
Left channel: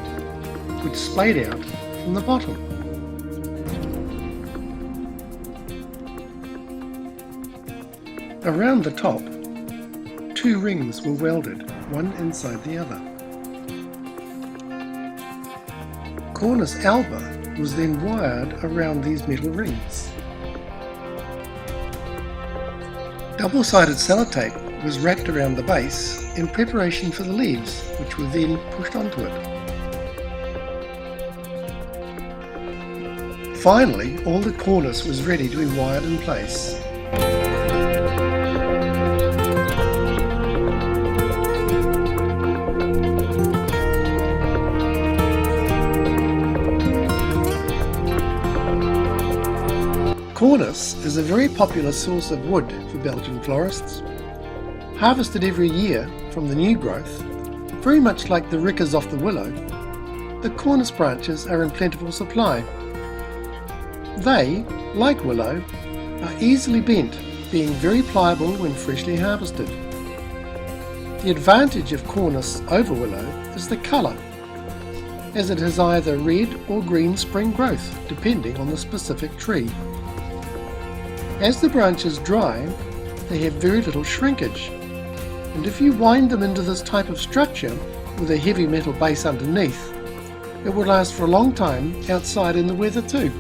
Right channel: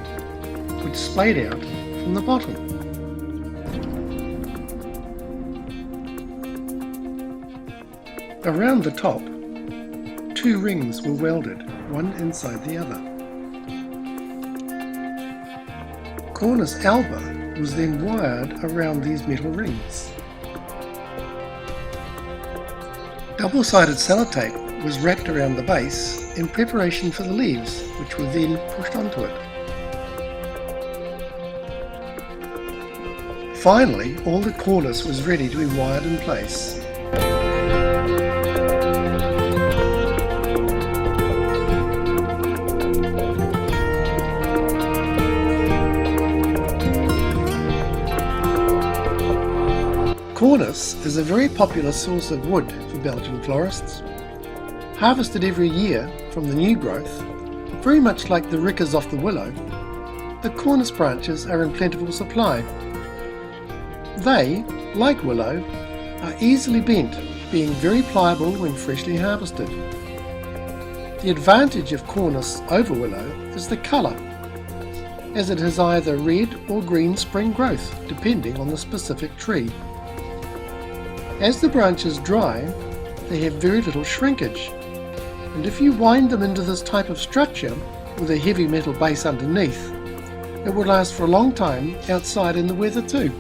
which splayed out from the bottom. Around the top, 2 rings were welded, one inside the other. Cornice alba was then wired around these metal rings. Double-sided sellotape was wrapped around the base in preparation for the leaves, which were then pushed onto it. Finally, all the cornice was ready to be wired in place. Cornice is a very popular source of wood for Belgian florists. Harvested every year from the new growth, very much like the rickers off the willow, the cornice branches are in plentiful supply. They, like willow, are easily bent, being very pliable when freshly harvested. The advantage of cornice over willow is the colour, as it has either red or green spring growth, depending on the specific tree. As the branches dry, they have very little shrinkage, and if you wind them into this type of structure with a heavy metal base underneath, it will last for a long time outside in the weather too.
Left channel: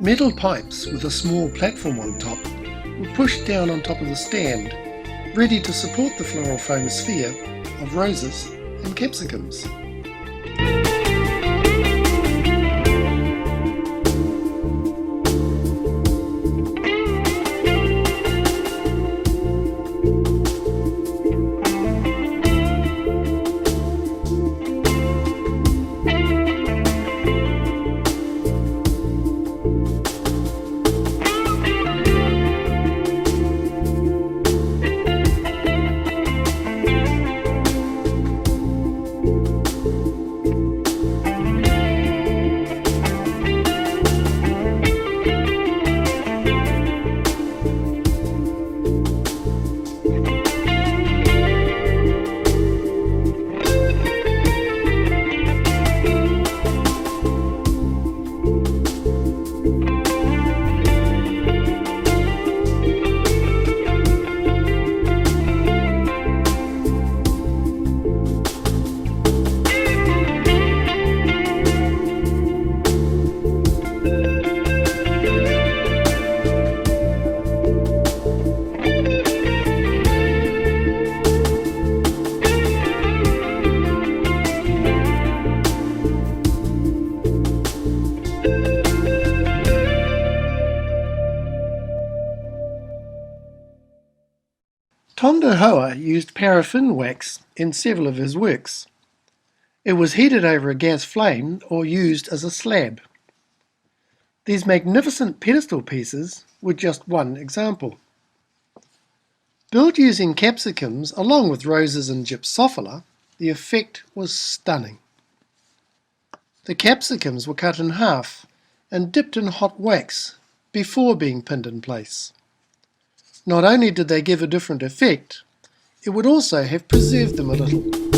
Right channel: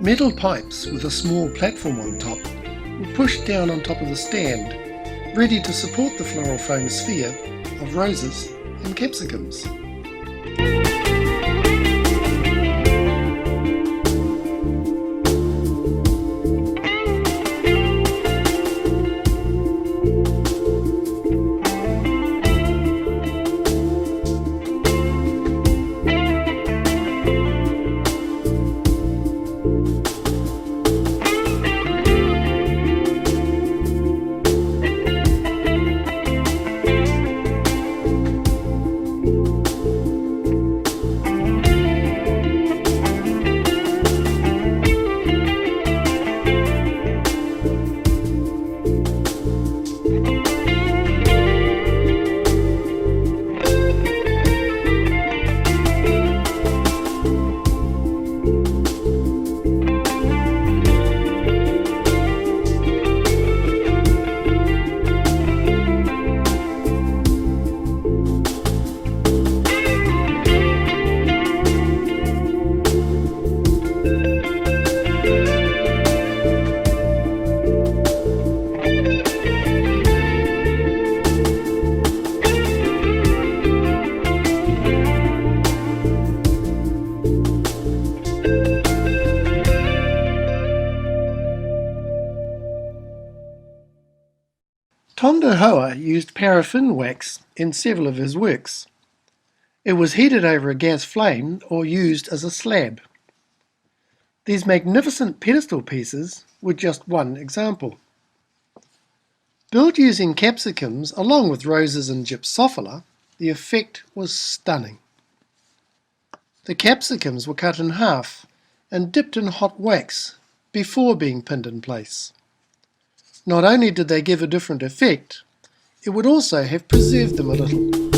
Metal pipes with a small platform on top were pushed down on top of the stand, ready to support the floral foam sphere of roses and capsicums. Tondo Hoa used paraffin wax in several of his works. It was heated over a gas flame or used as a slab. These magnificent pedestal pieces were just one example. Built using capsicums along with roses and gypsophila, the effect was stunning. The capsicums were cut in half and dipped in hot wax before being pinned in place. Not only did they give a different effect, it would also have preserved them a little.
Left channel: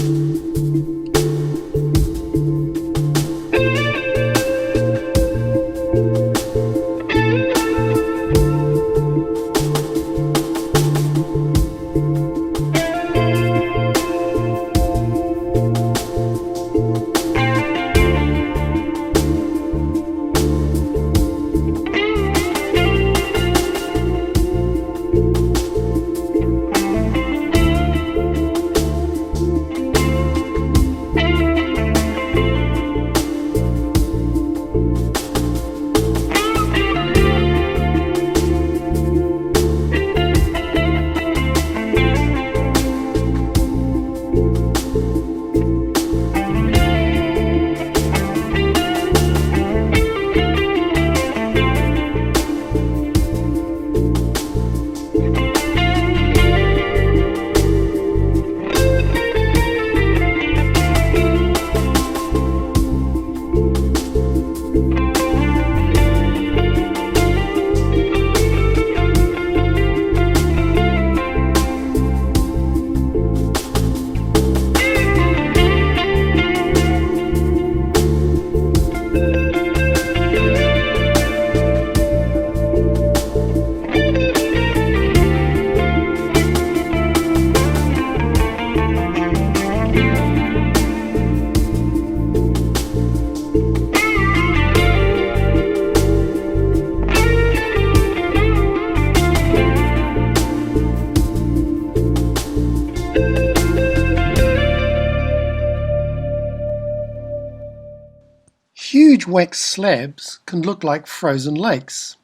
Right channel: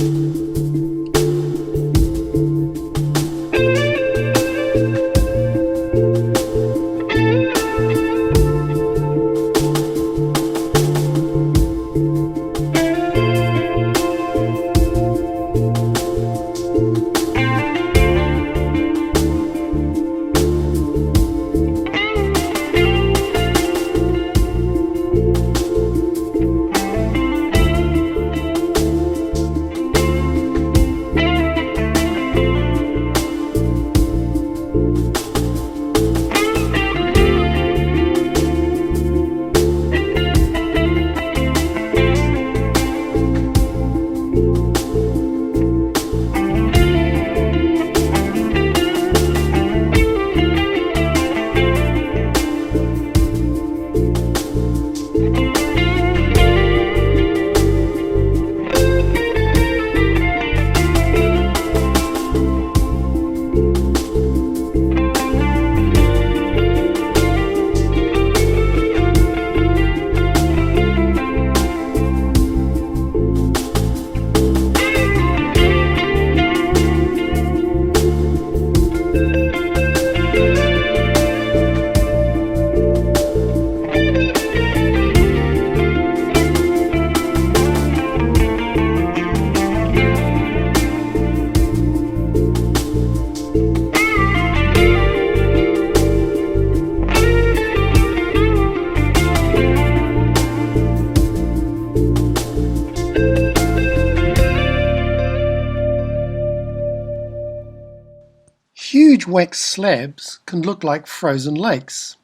Huge wax slabs can look like frozen lakes,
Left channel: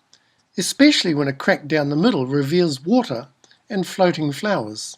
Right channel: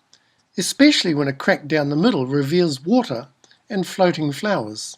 especially when a crack down the middle reveals water and floating flowers.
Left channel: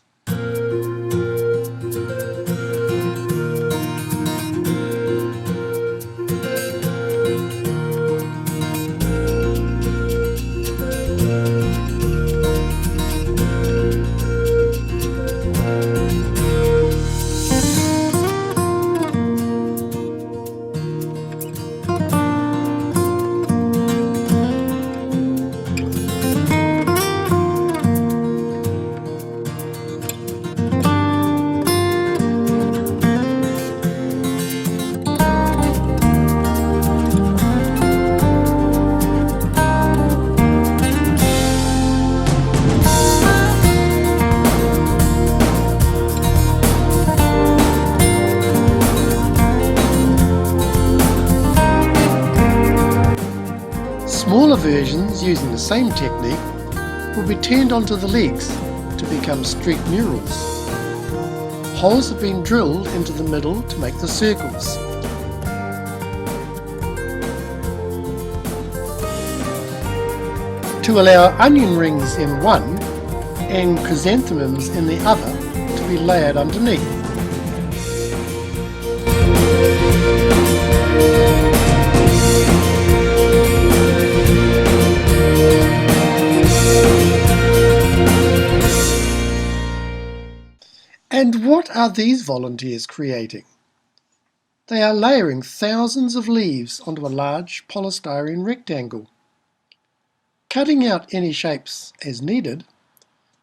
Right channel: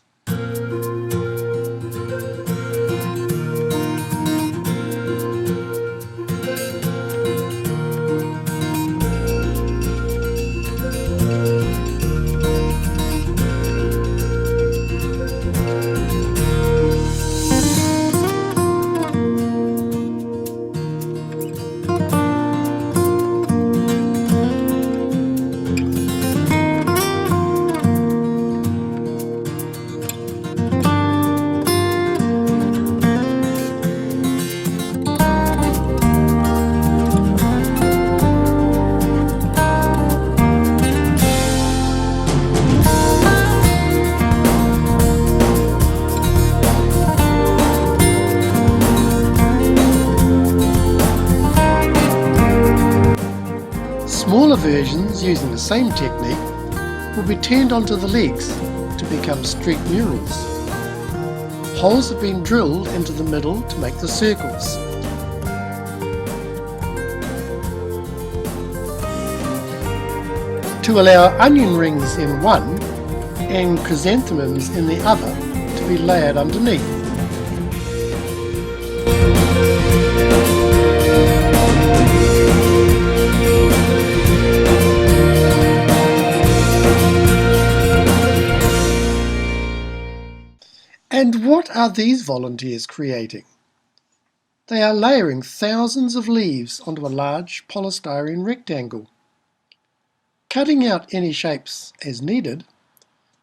Smaller versions using the same technique will be turned onto the legs to become street murals. Holes have been drilled into the middle to make the circles. To allow onion rings in one and chrysanthemums in the other to be layered underneath. And what are these volunteers creating? They are layering thousands of leaves onto a large polystyrene rectangle. Cutting out any shapes as needed,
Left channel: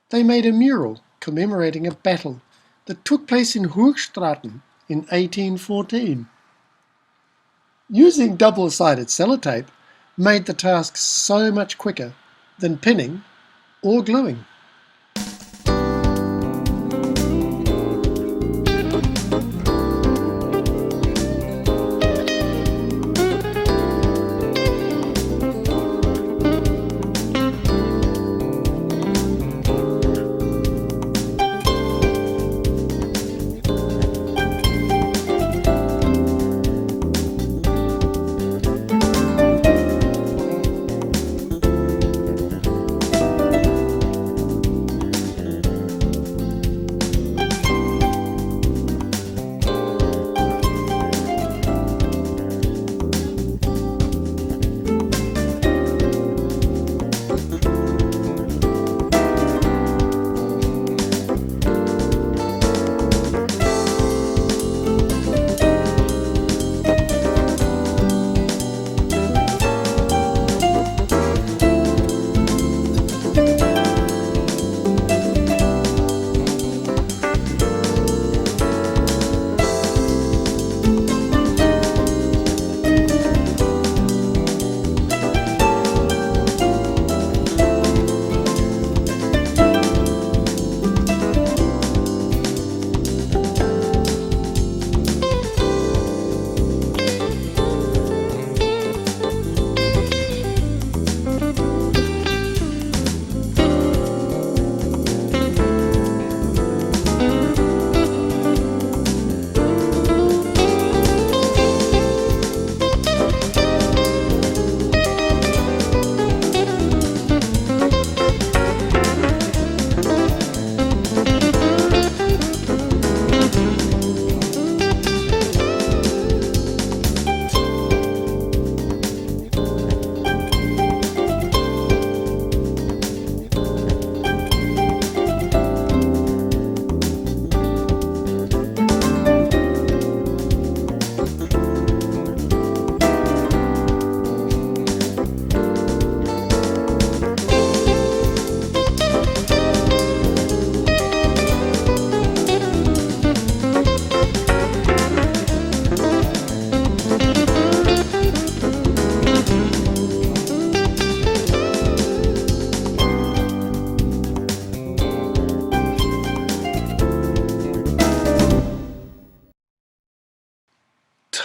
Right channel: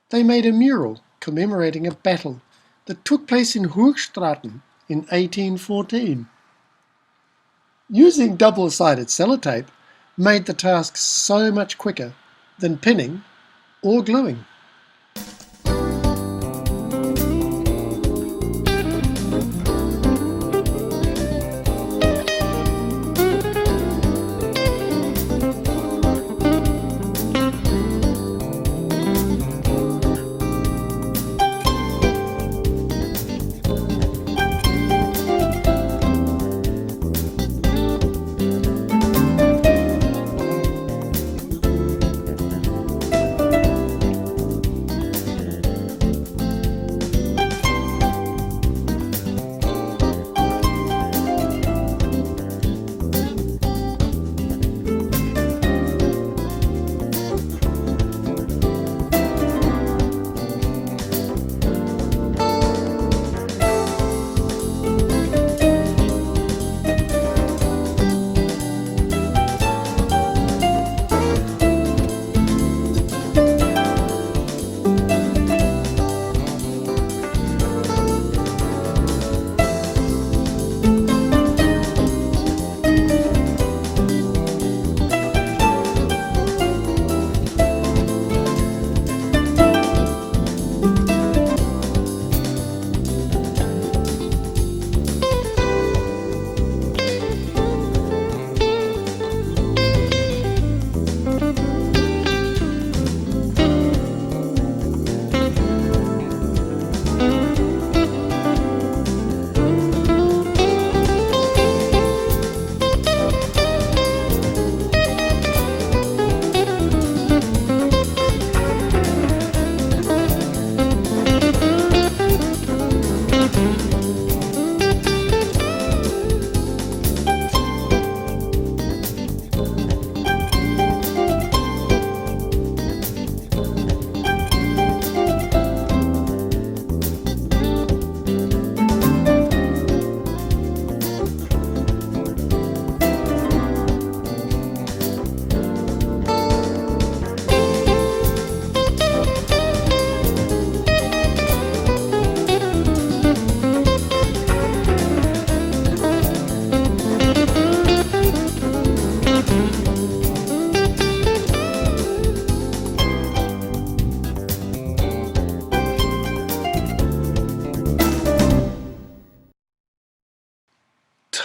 they made a mural commemorating a battle that took place in Hoogstraten in 1814. Using double-sided sellotape made the task so much quicker than pinning or gluing.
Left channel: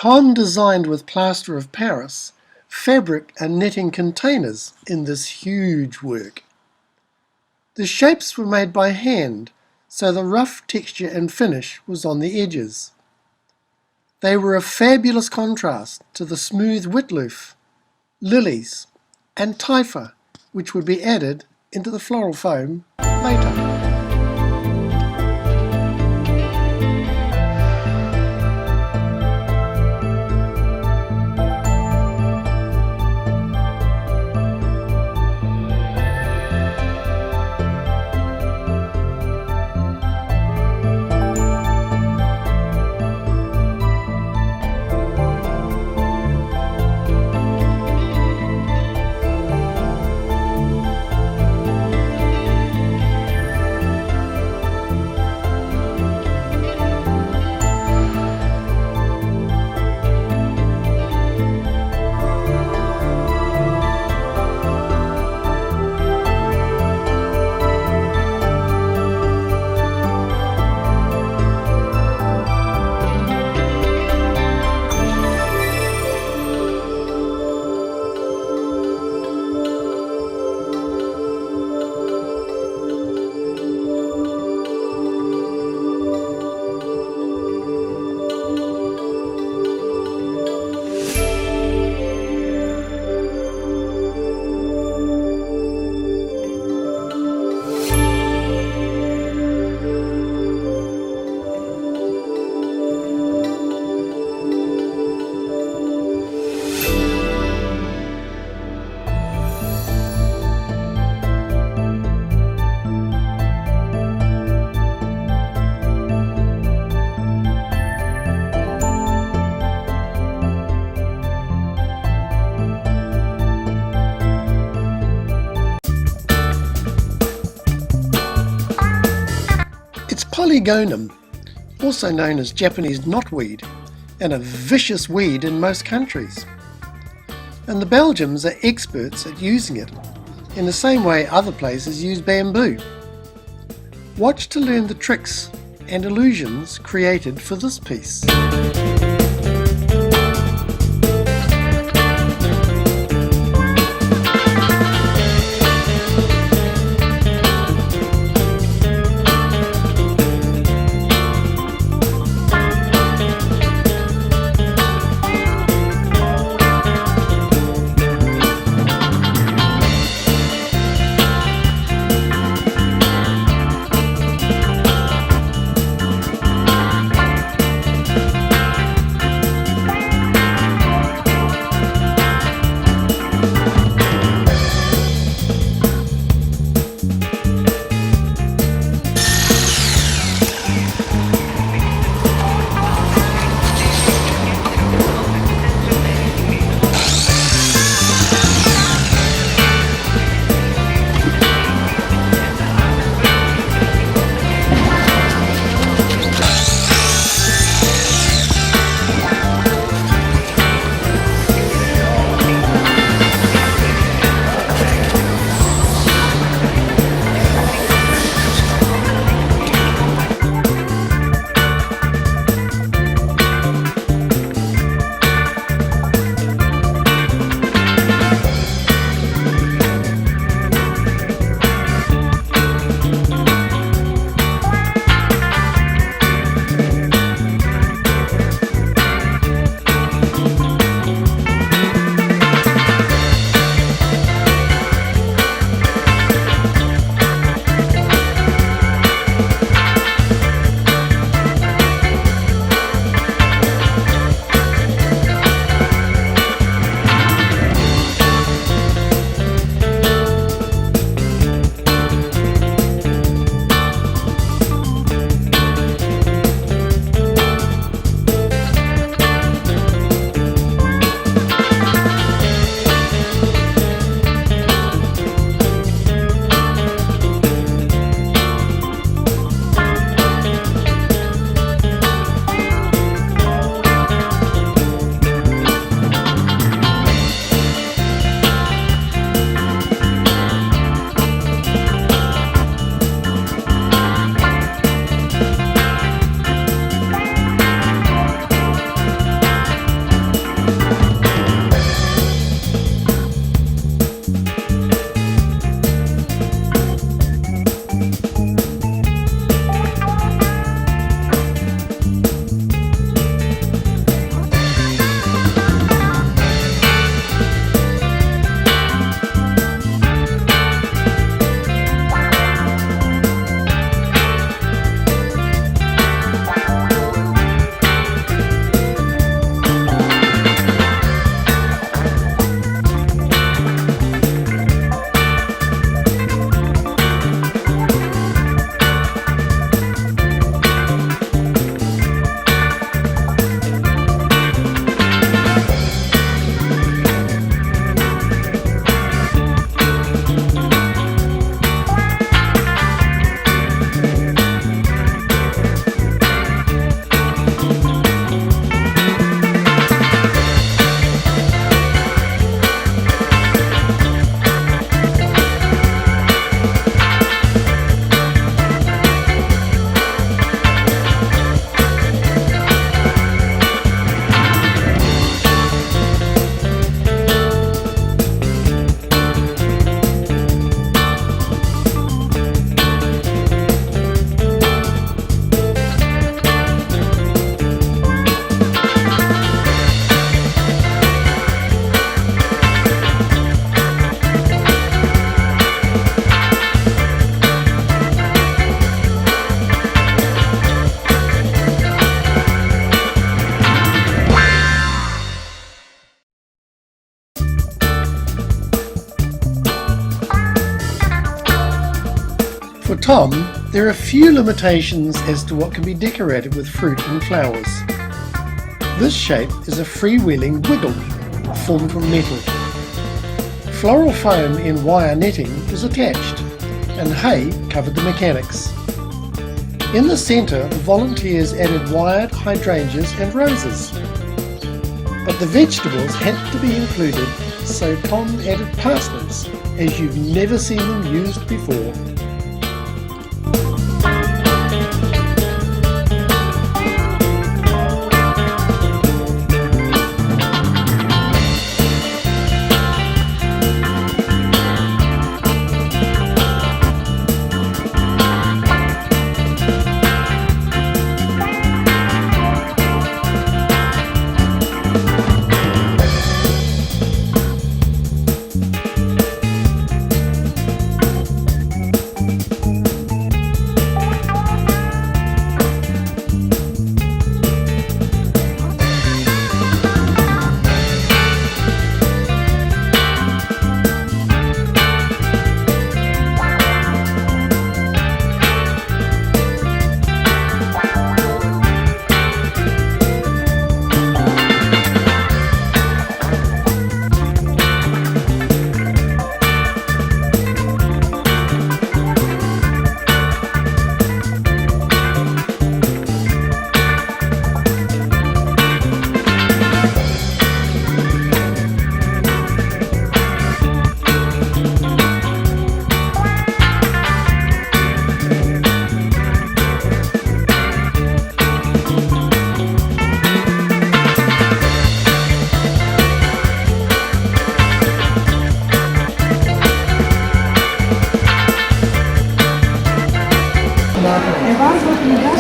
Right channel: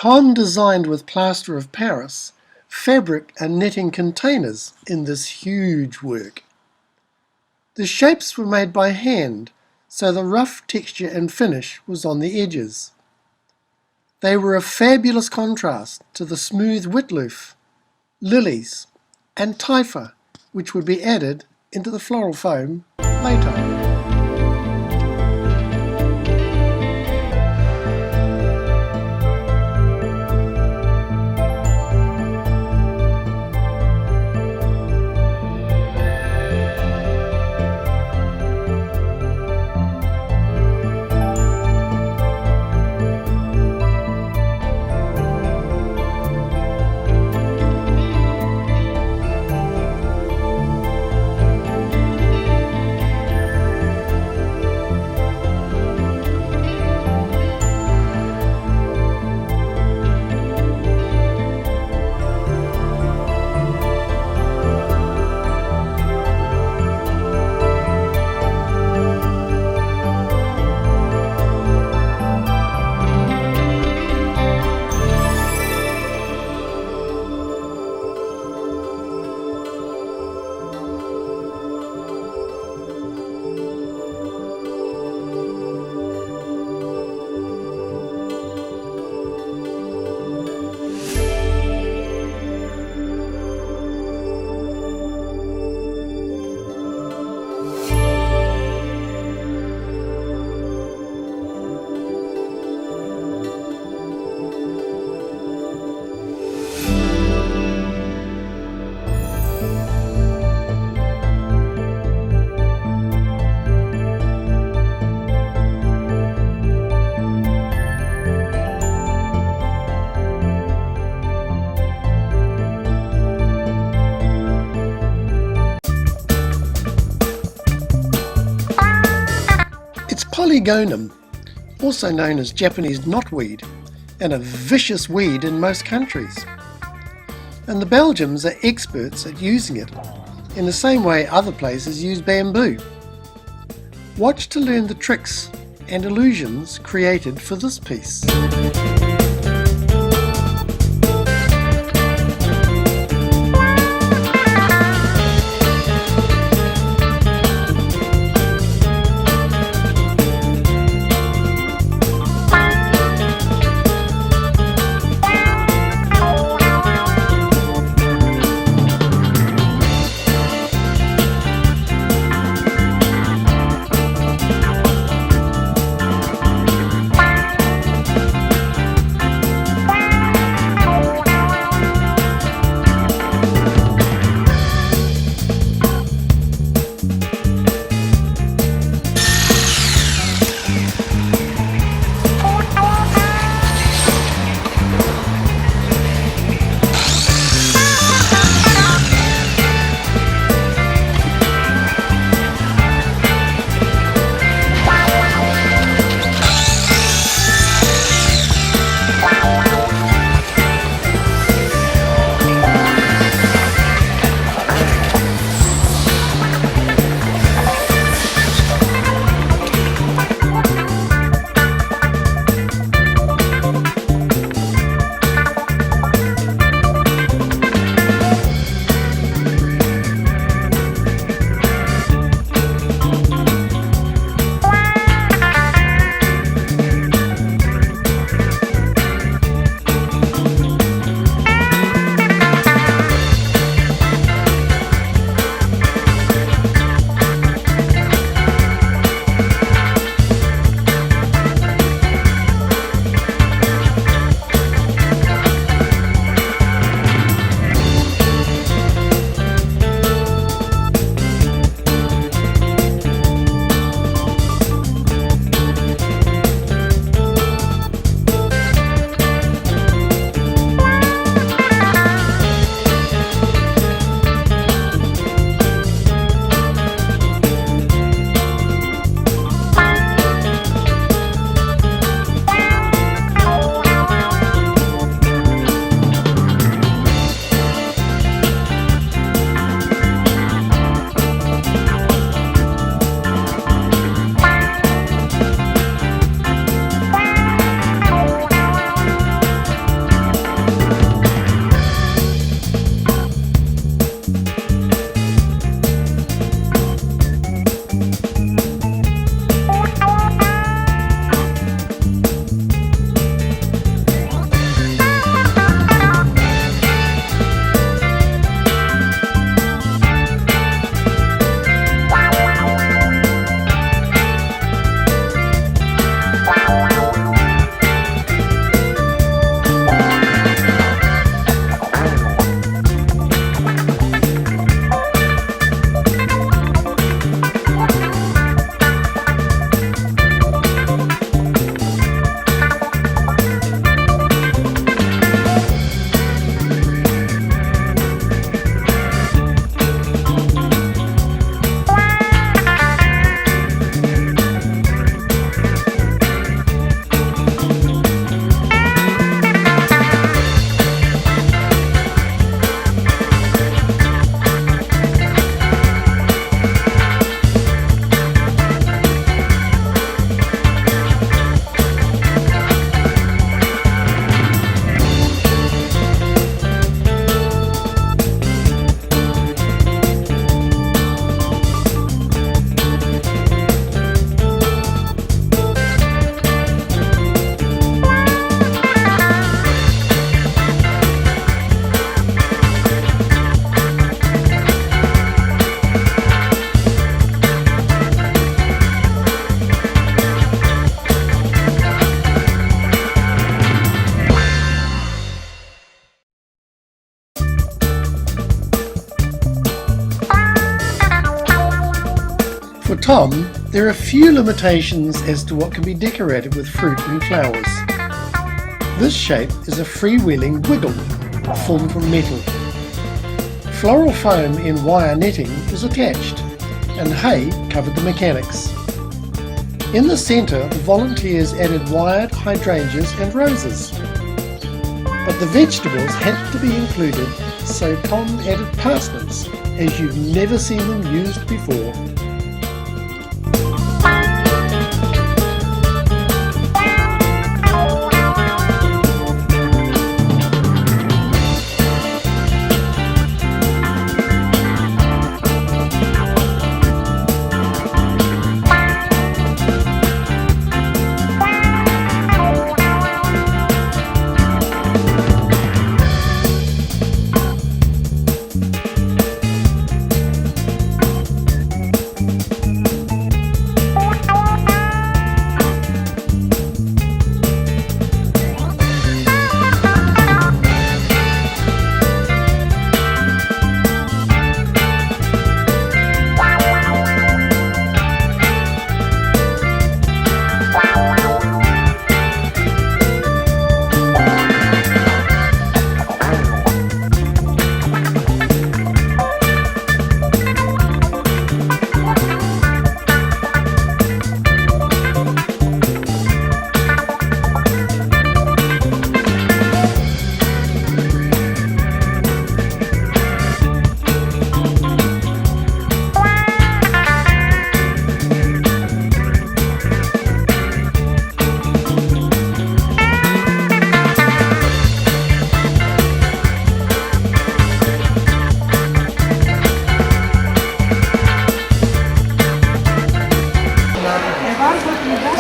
Tom designed with plaster of Paris fabric and netting containers in this huge work. The shapes were made by hand, so the rough texture and finish was on the edges. They were a fabulous contrast to the smooth witloof, lilies, and typha, which would be added into the floral foam later. Polygonum, also known as Japanese knotweed, and a vicious weed in most countries. And the Belgians are experts at using it, in the same way other places use bamboo. Watch to learn the tricks and illusions created for this piece. Tom, there are few limitations as to what can be decorated with fruit and flowers. This shape is a freewheeling wiggle formed from metal. Floral foam in wire netting is attached, and hay covered the mechanics. In the centre, the volunteers added wired hydrangeas and roses. But the vegetables had to be included, so Tom added parsnips, as you've never seen them used before.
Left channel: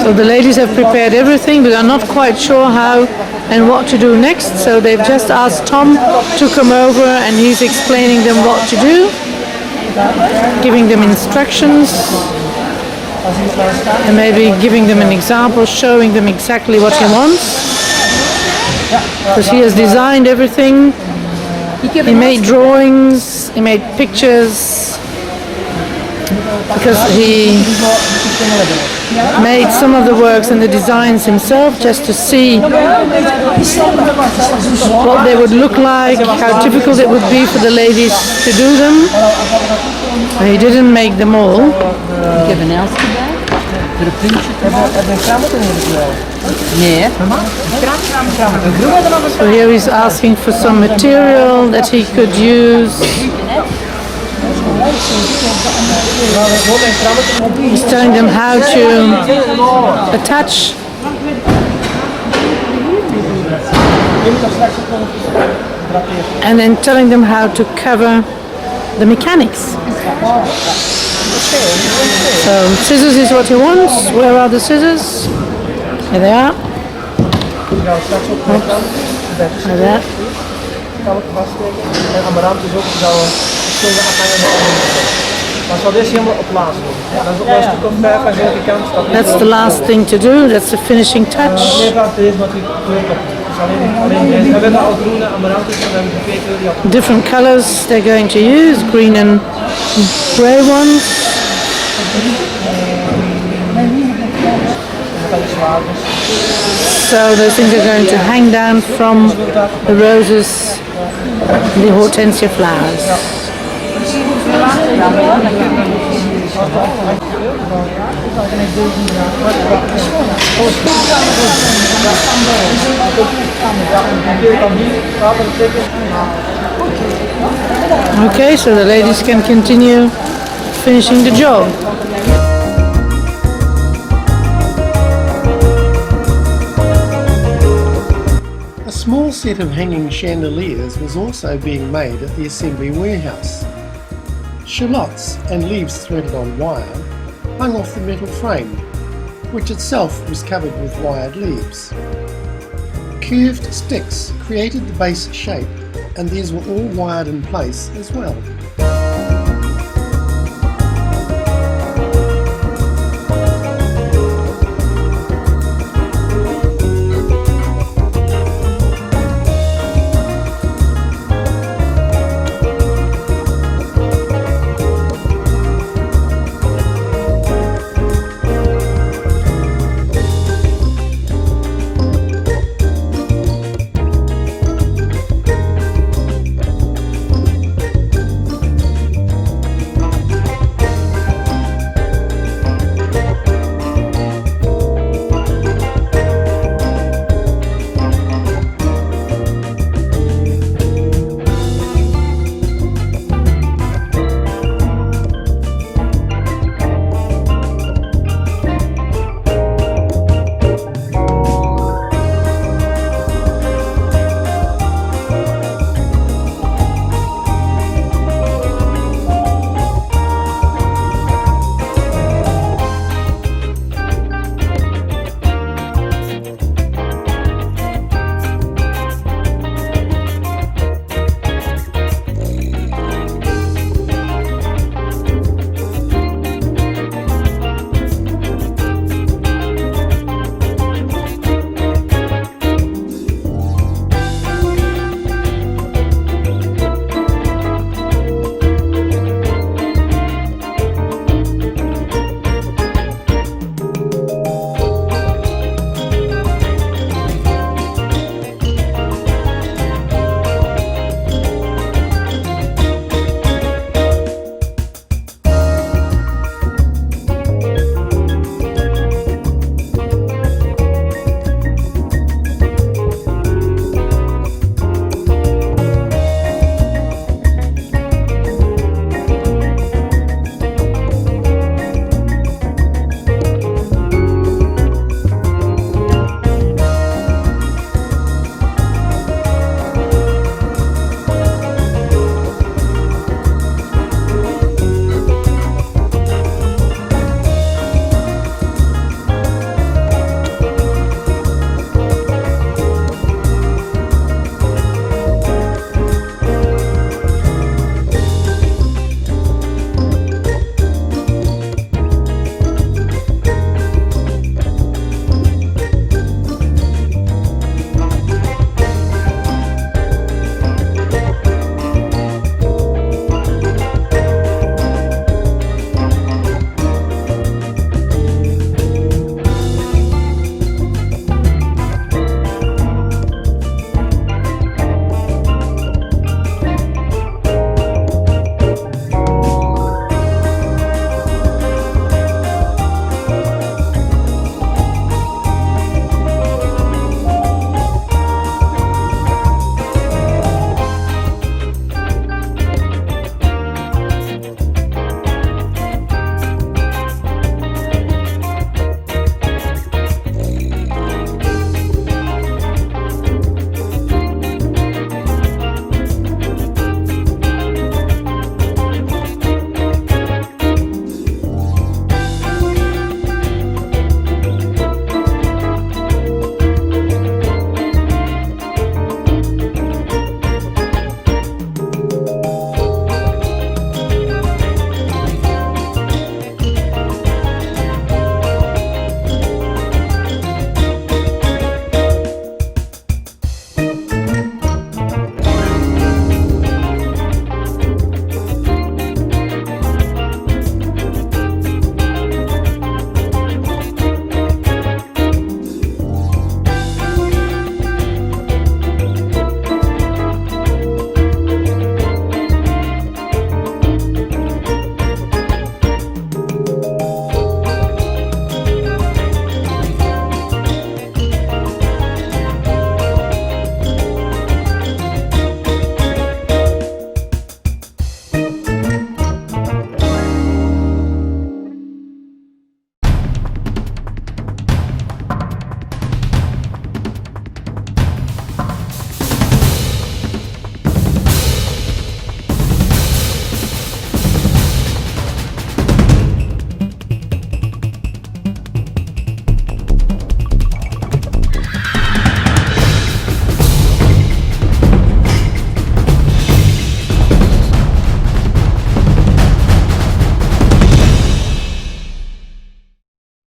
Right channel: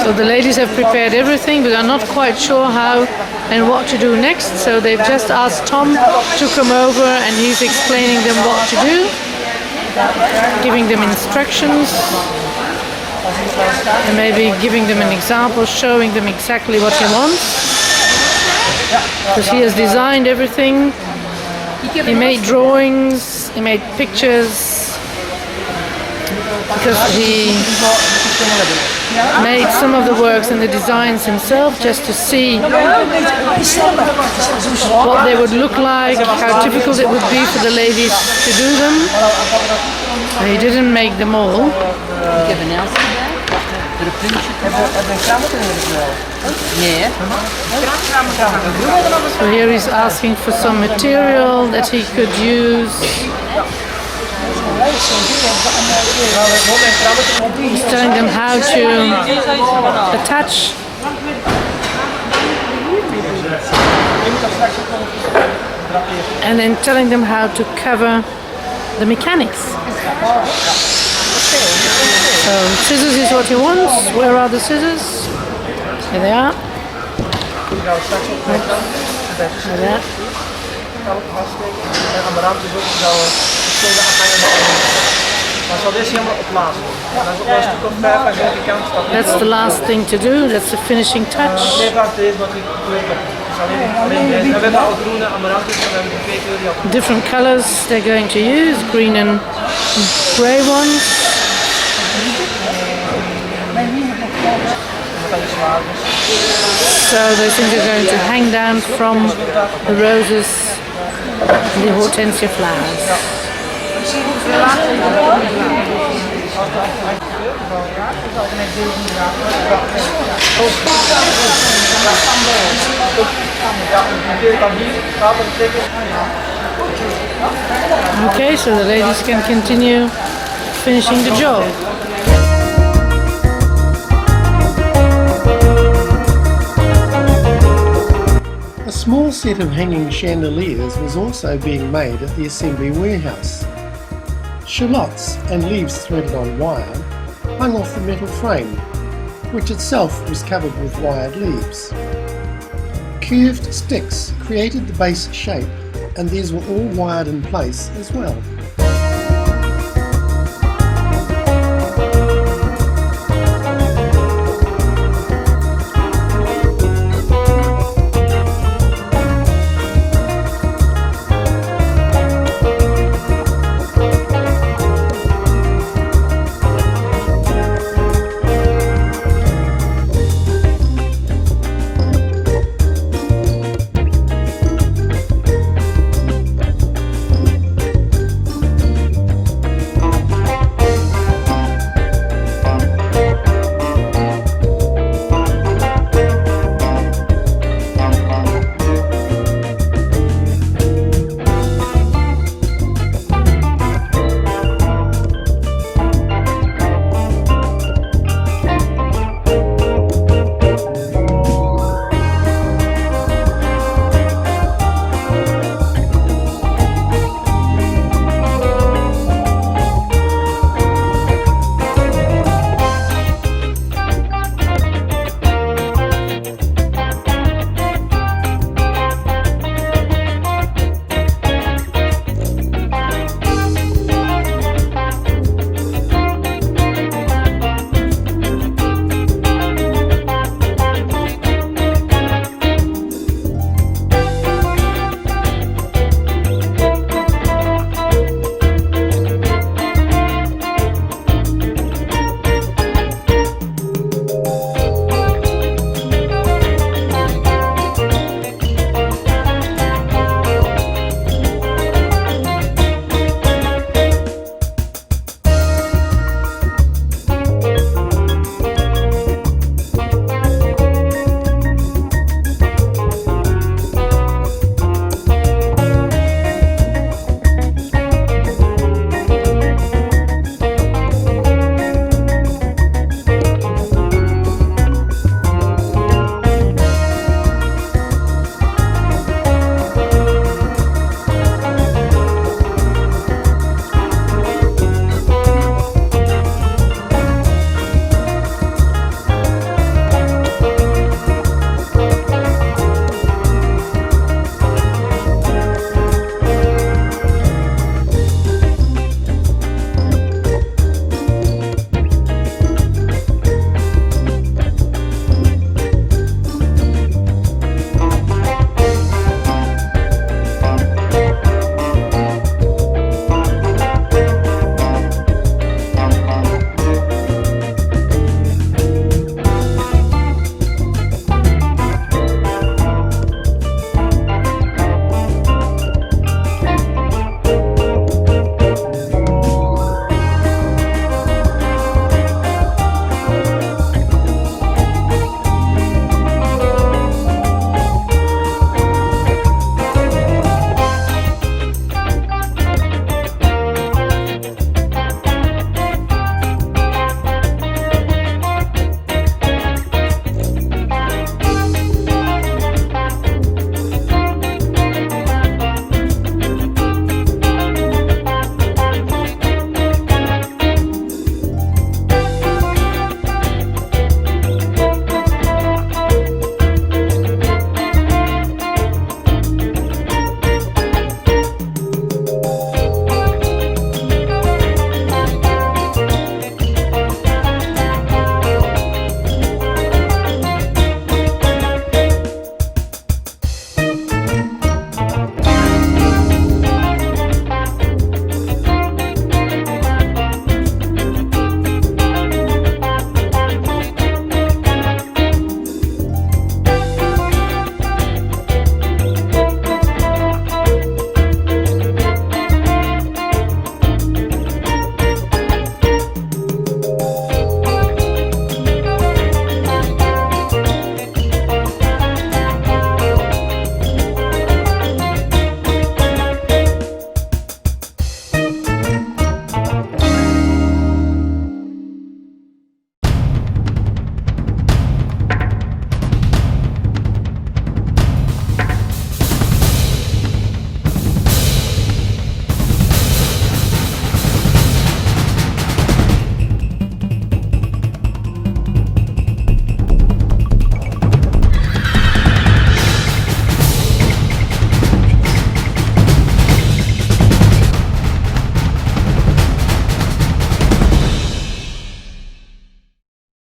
So the ladies have prepared everything, but are not quite sure how and what to do next. So they've just asked Tom to come over, and he's explaining them what to do, giving them instructions, and maybe giving them an example, showing them exactly what he wants. Because he has designed everything. He made drawings, he made pictures, because he made some of the works and the designs himself just to see what they would look like, how difficult it would be for the ladies to do them. And he didn't make them all. So here he's asking for some material that he could use. He's telling them how to attach. And then telling them how to cover the mechanics. So scissors is what he wants. Where are the scissors? Here they are. There they are. That's the last thing to do. That's the finishing touch. Different colors they're going to use, green and grey ones. So those things are going to hang down from the roses and the hortensia flowers. Okay, so the ladies can continue finishing the job. A small set of hanging chandeliers was also being made at the assembly warehouse. Shallots and leaves threaded on wire hung off the metal frame, which itself was covered with wired leaves. Curved sticks created the base shape, and these were all wired in place as well.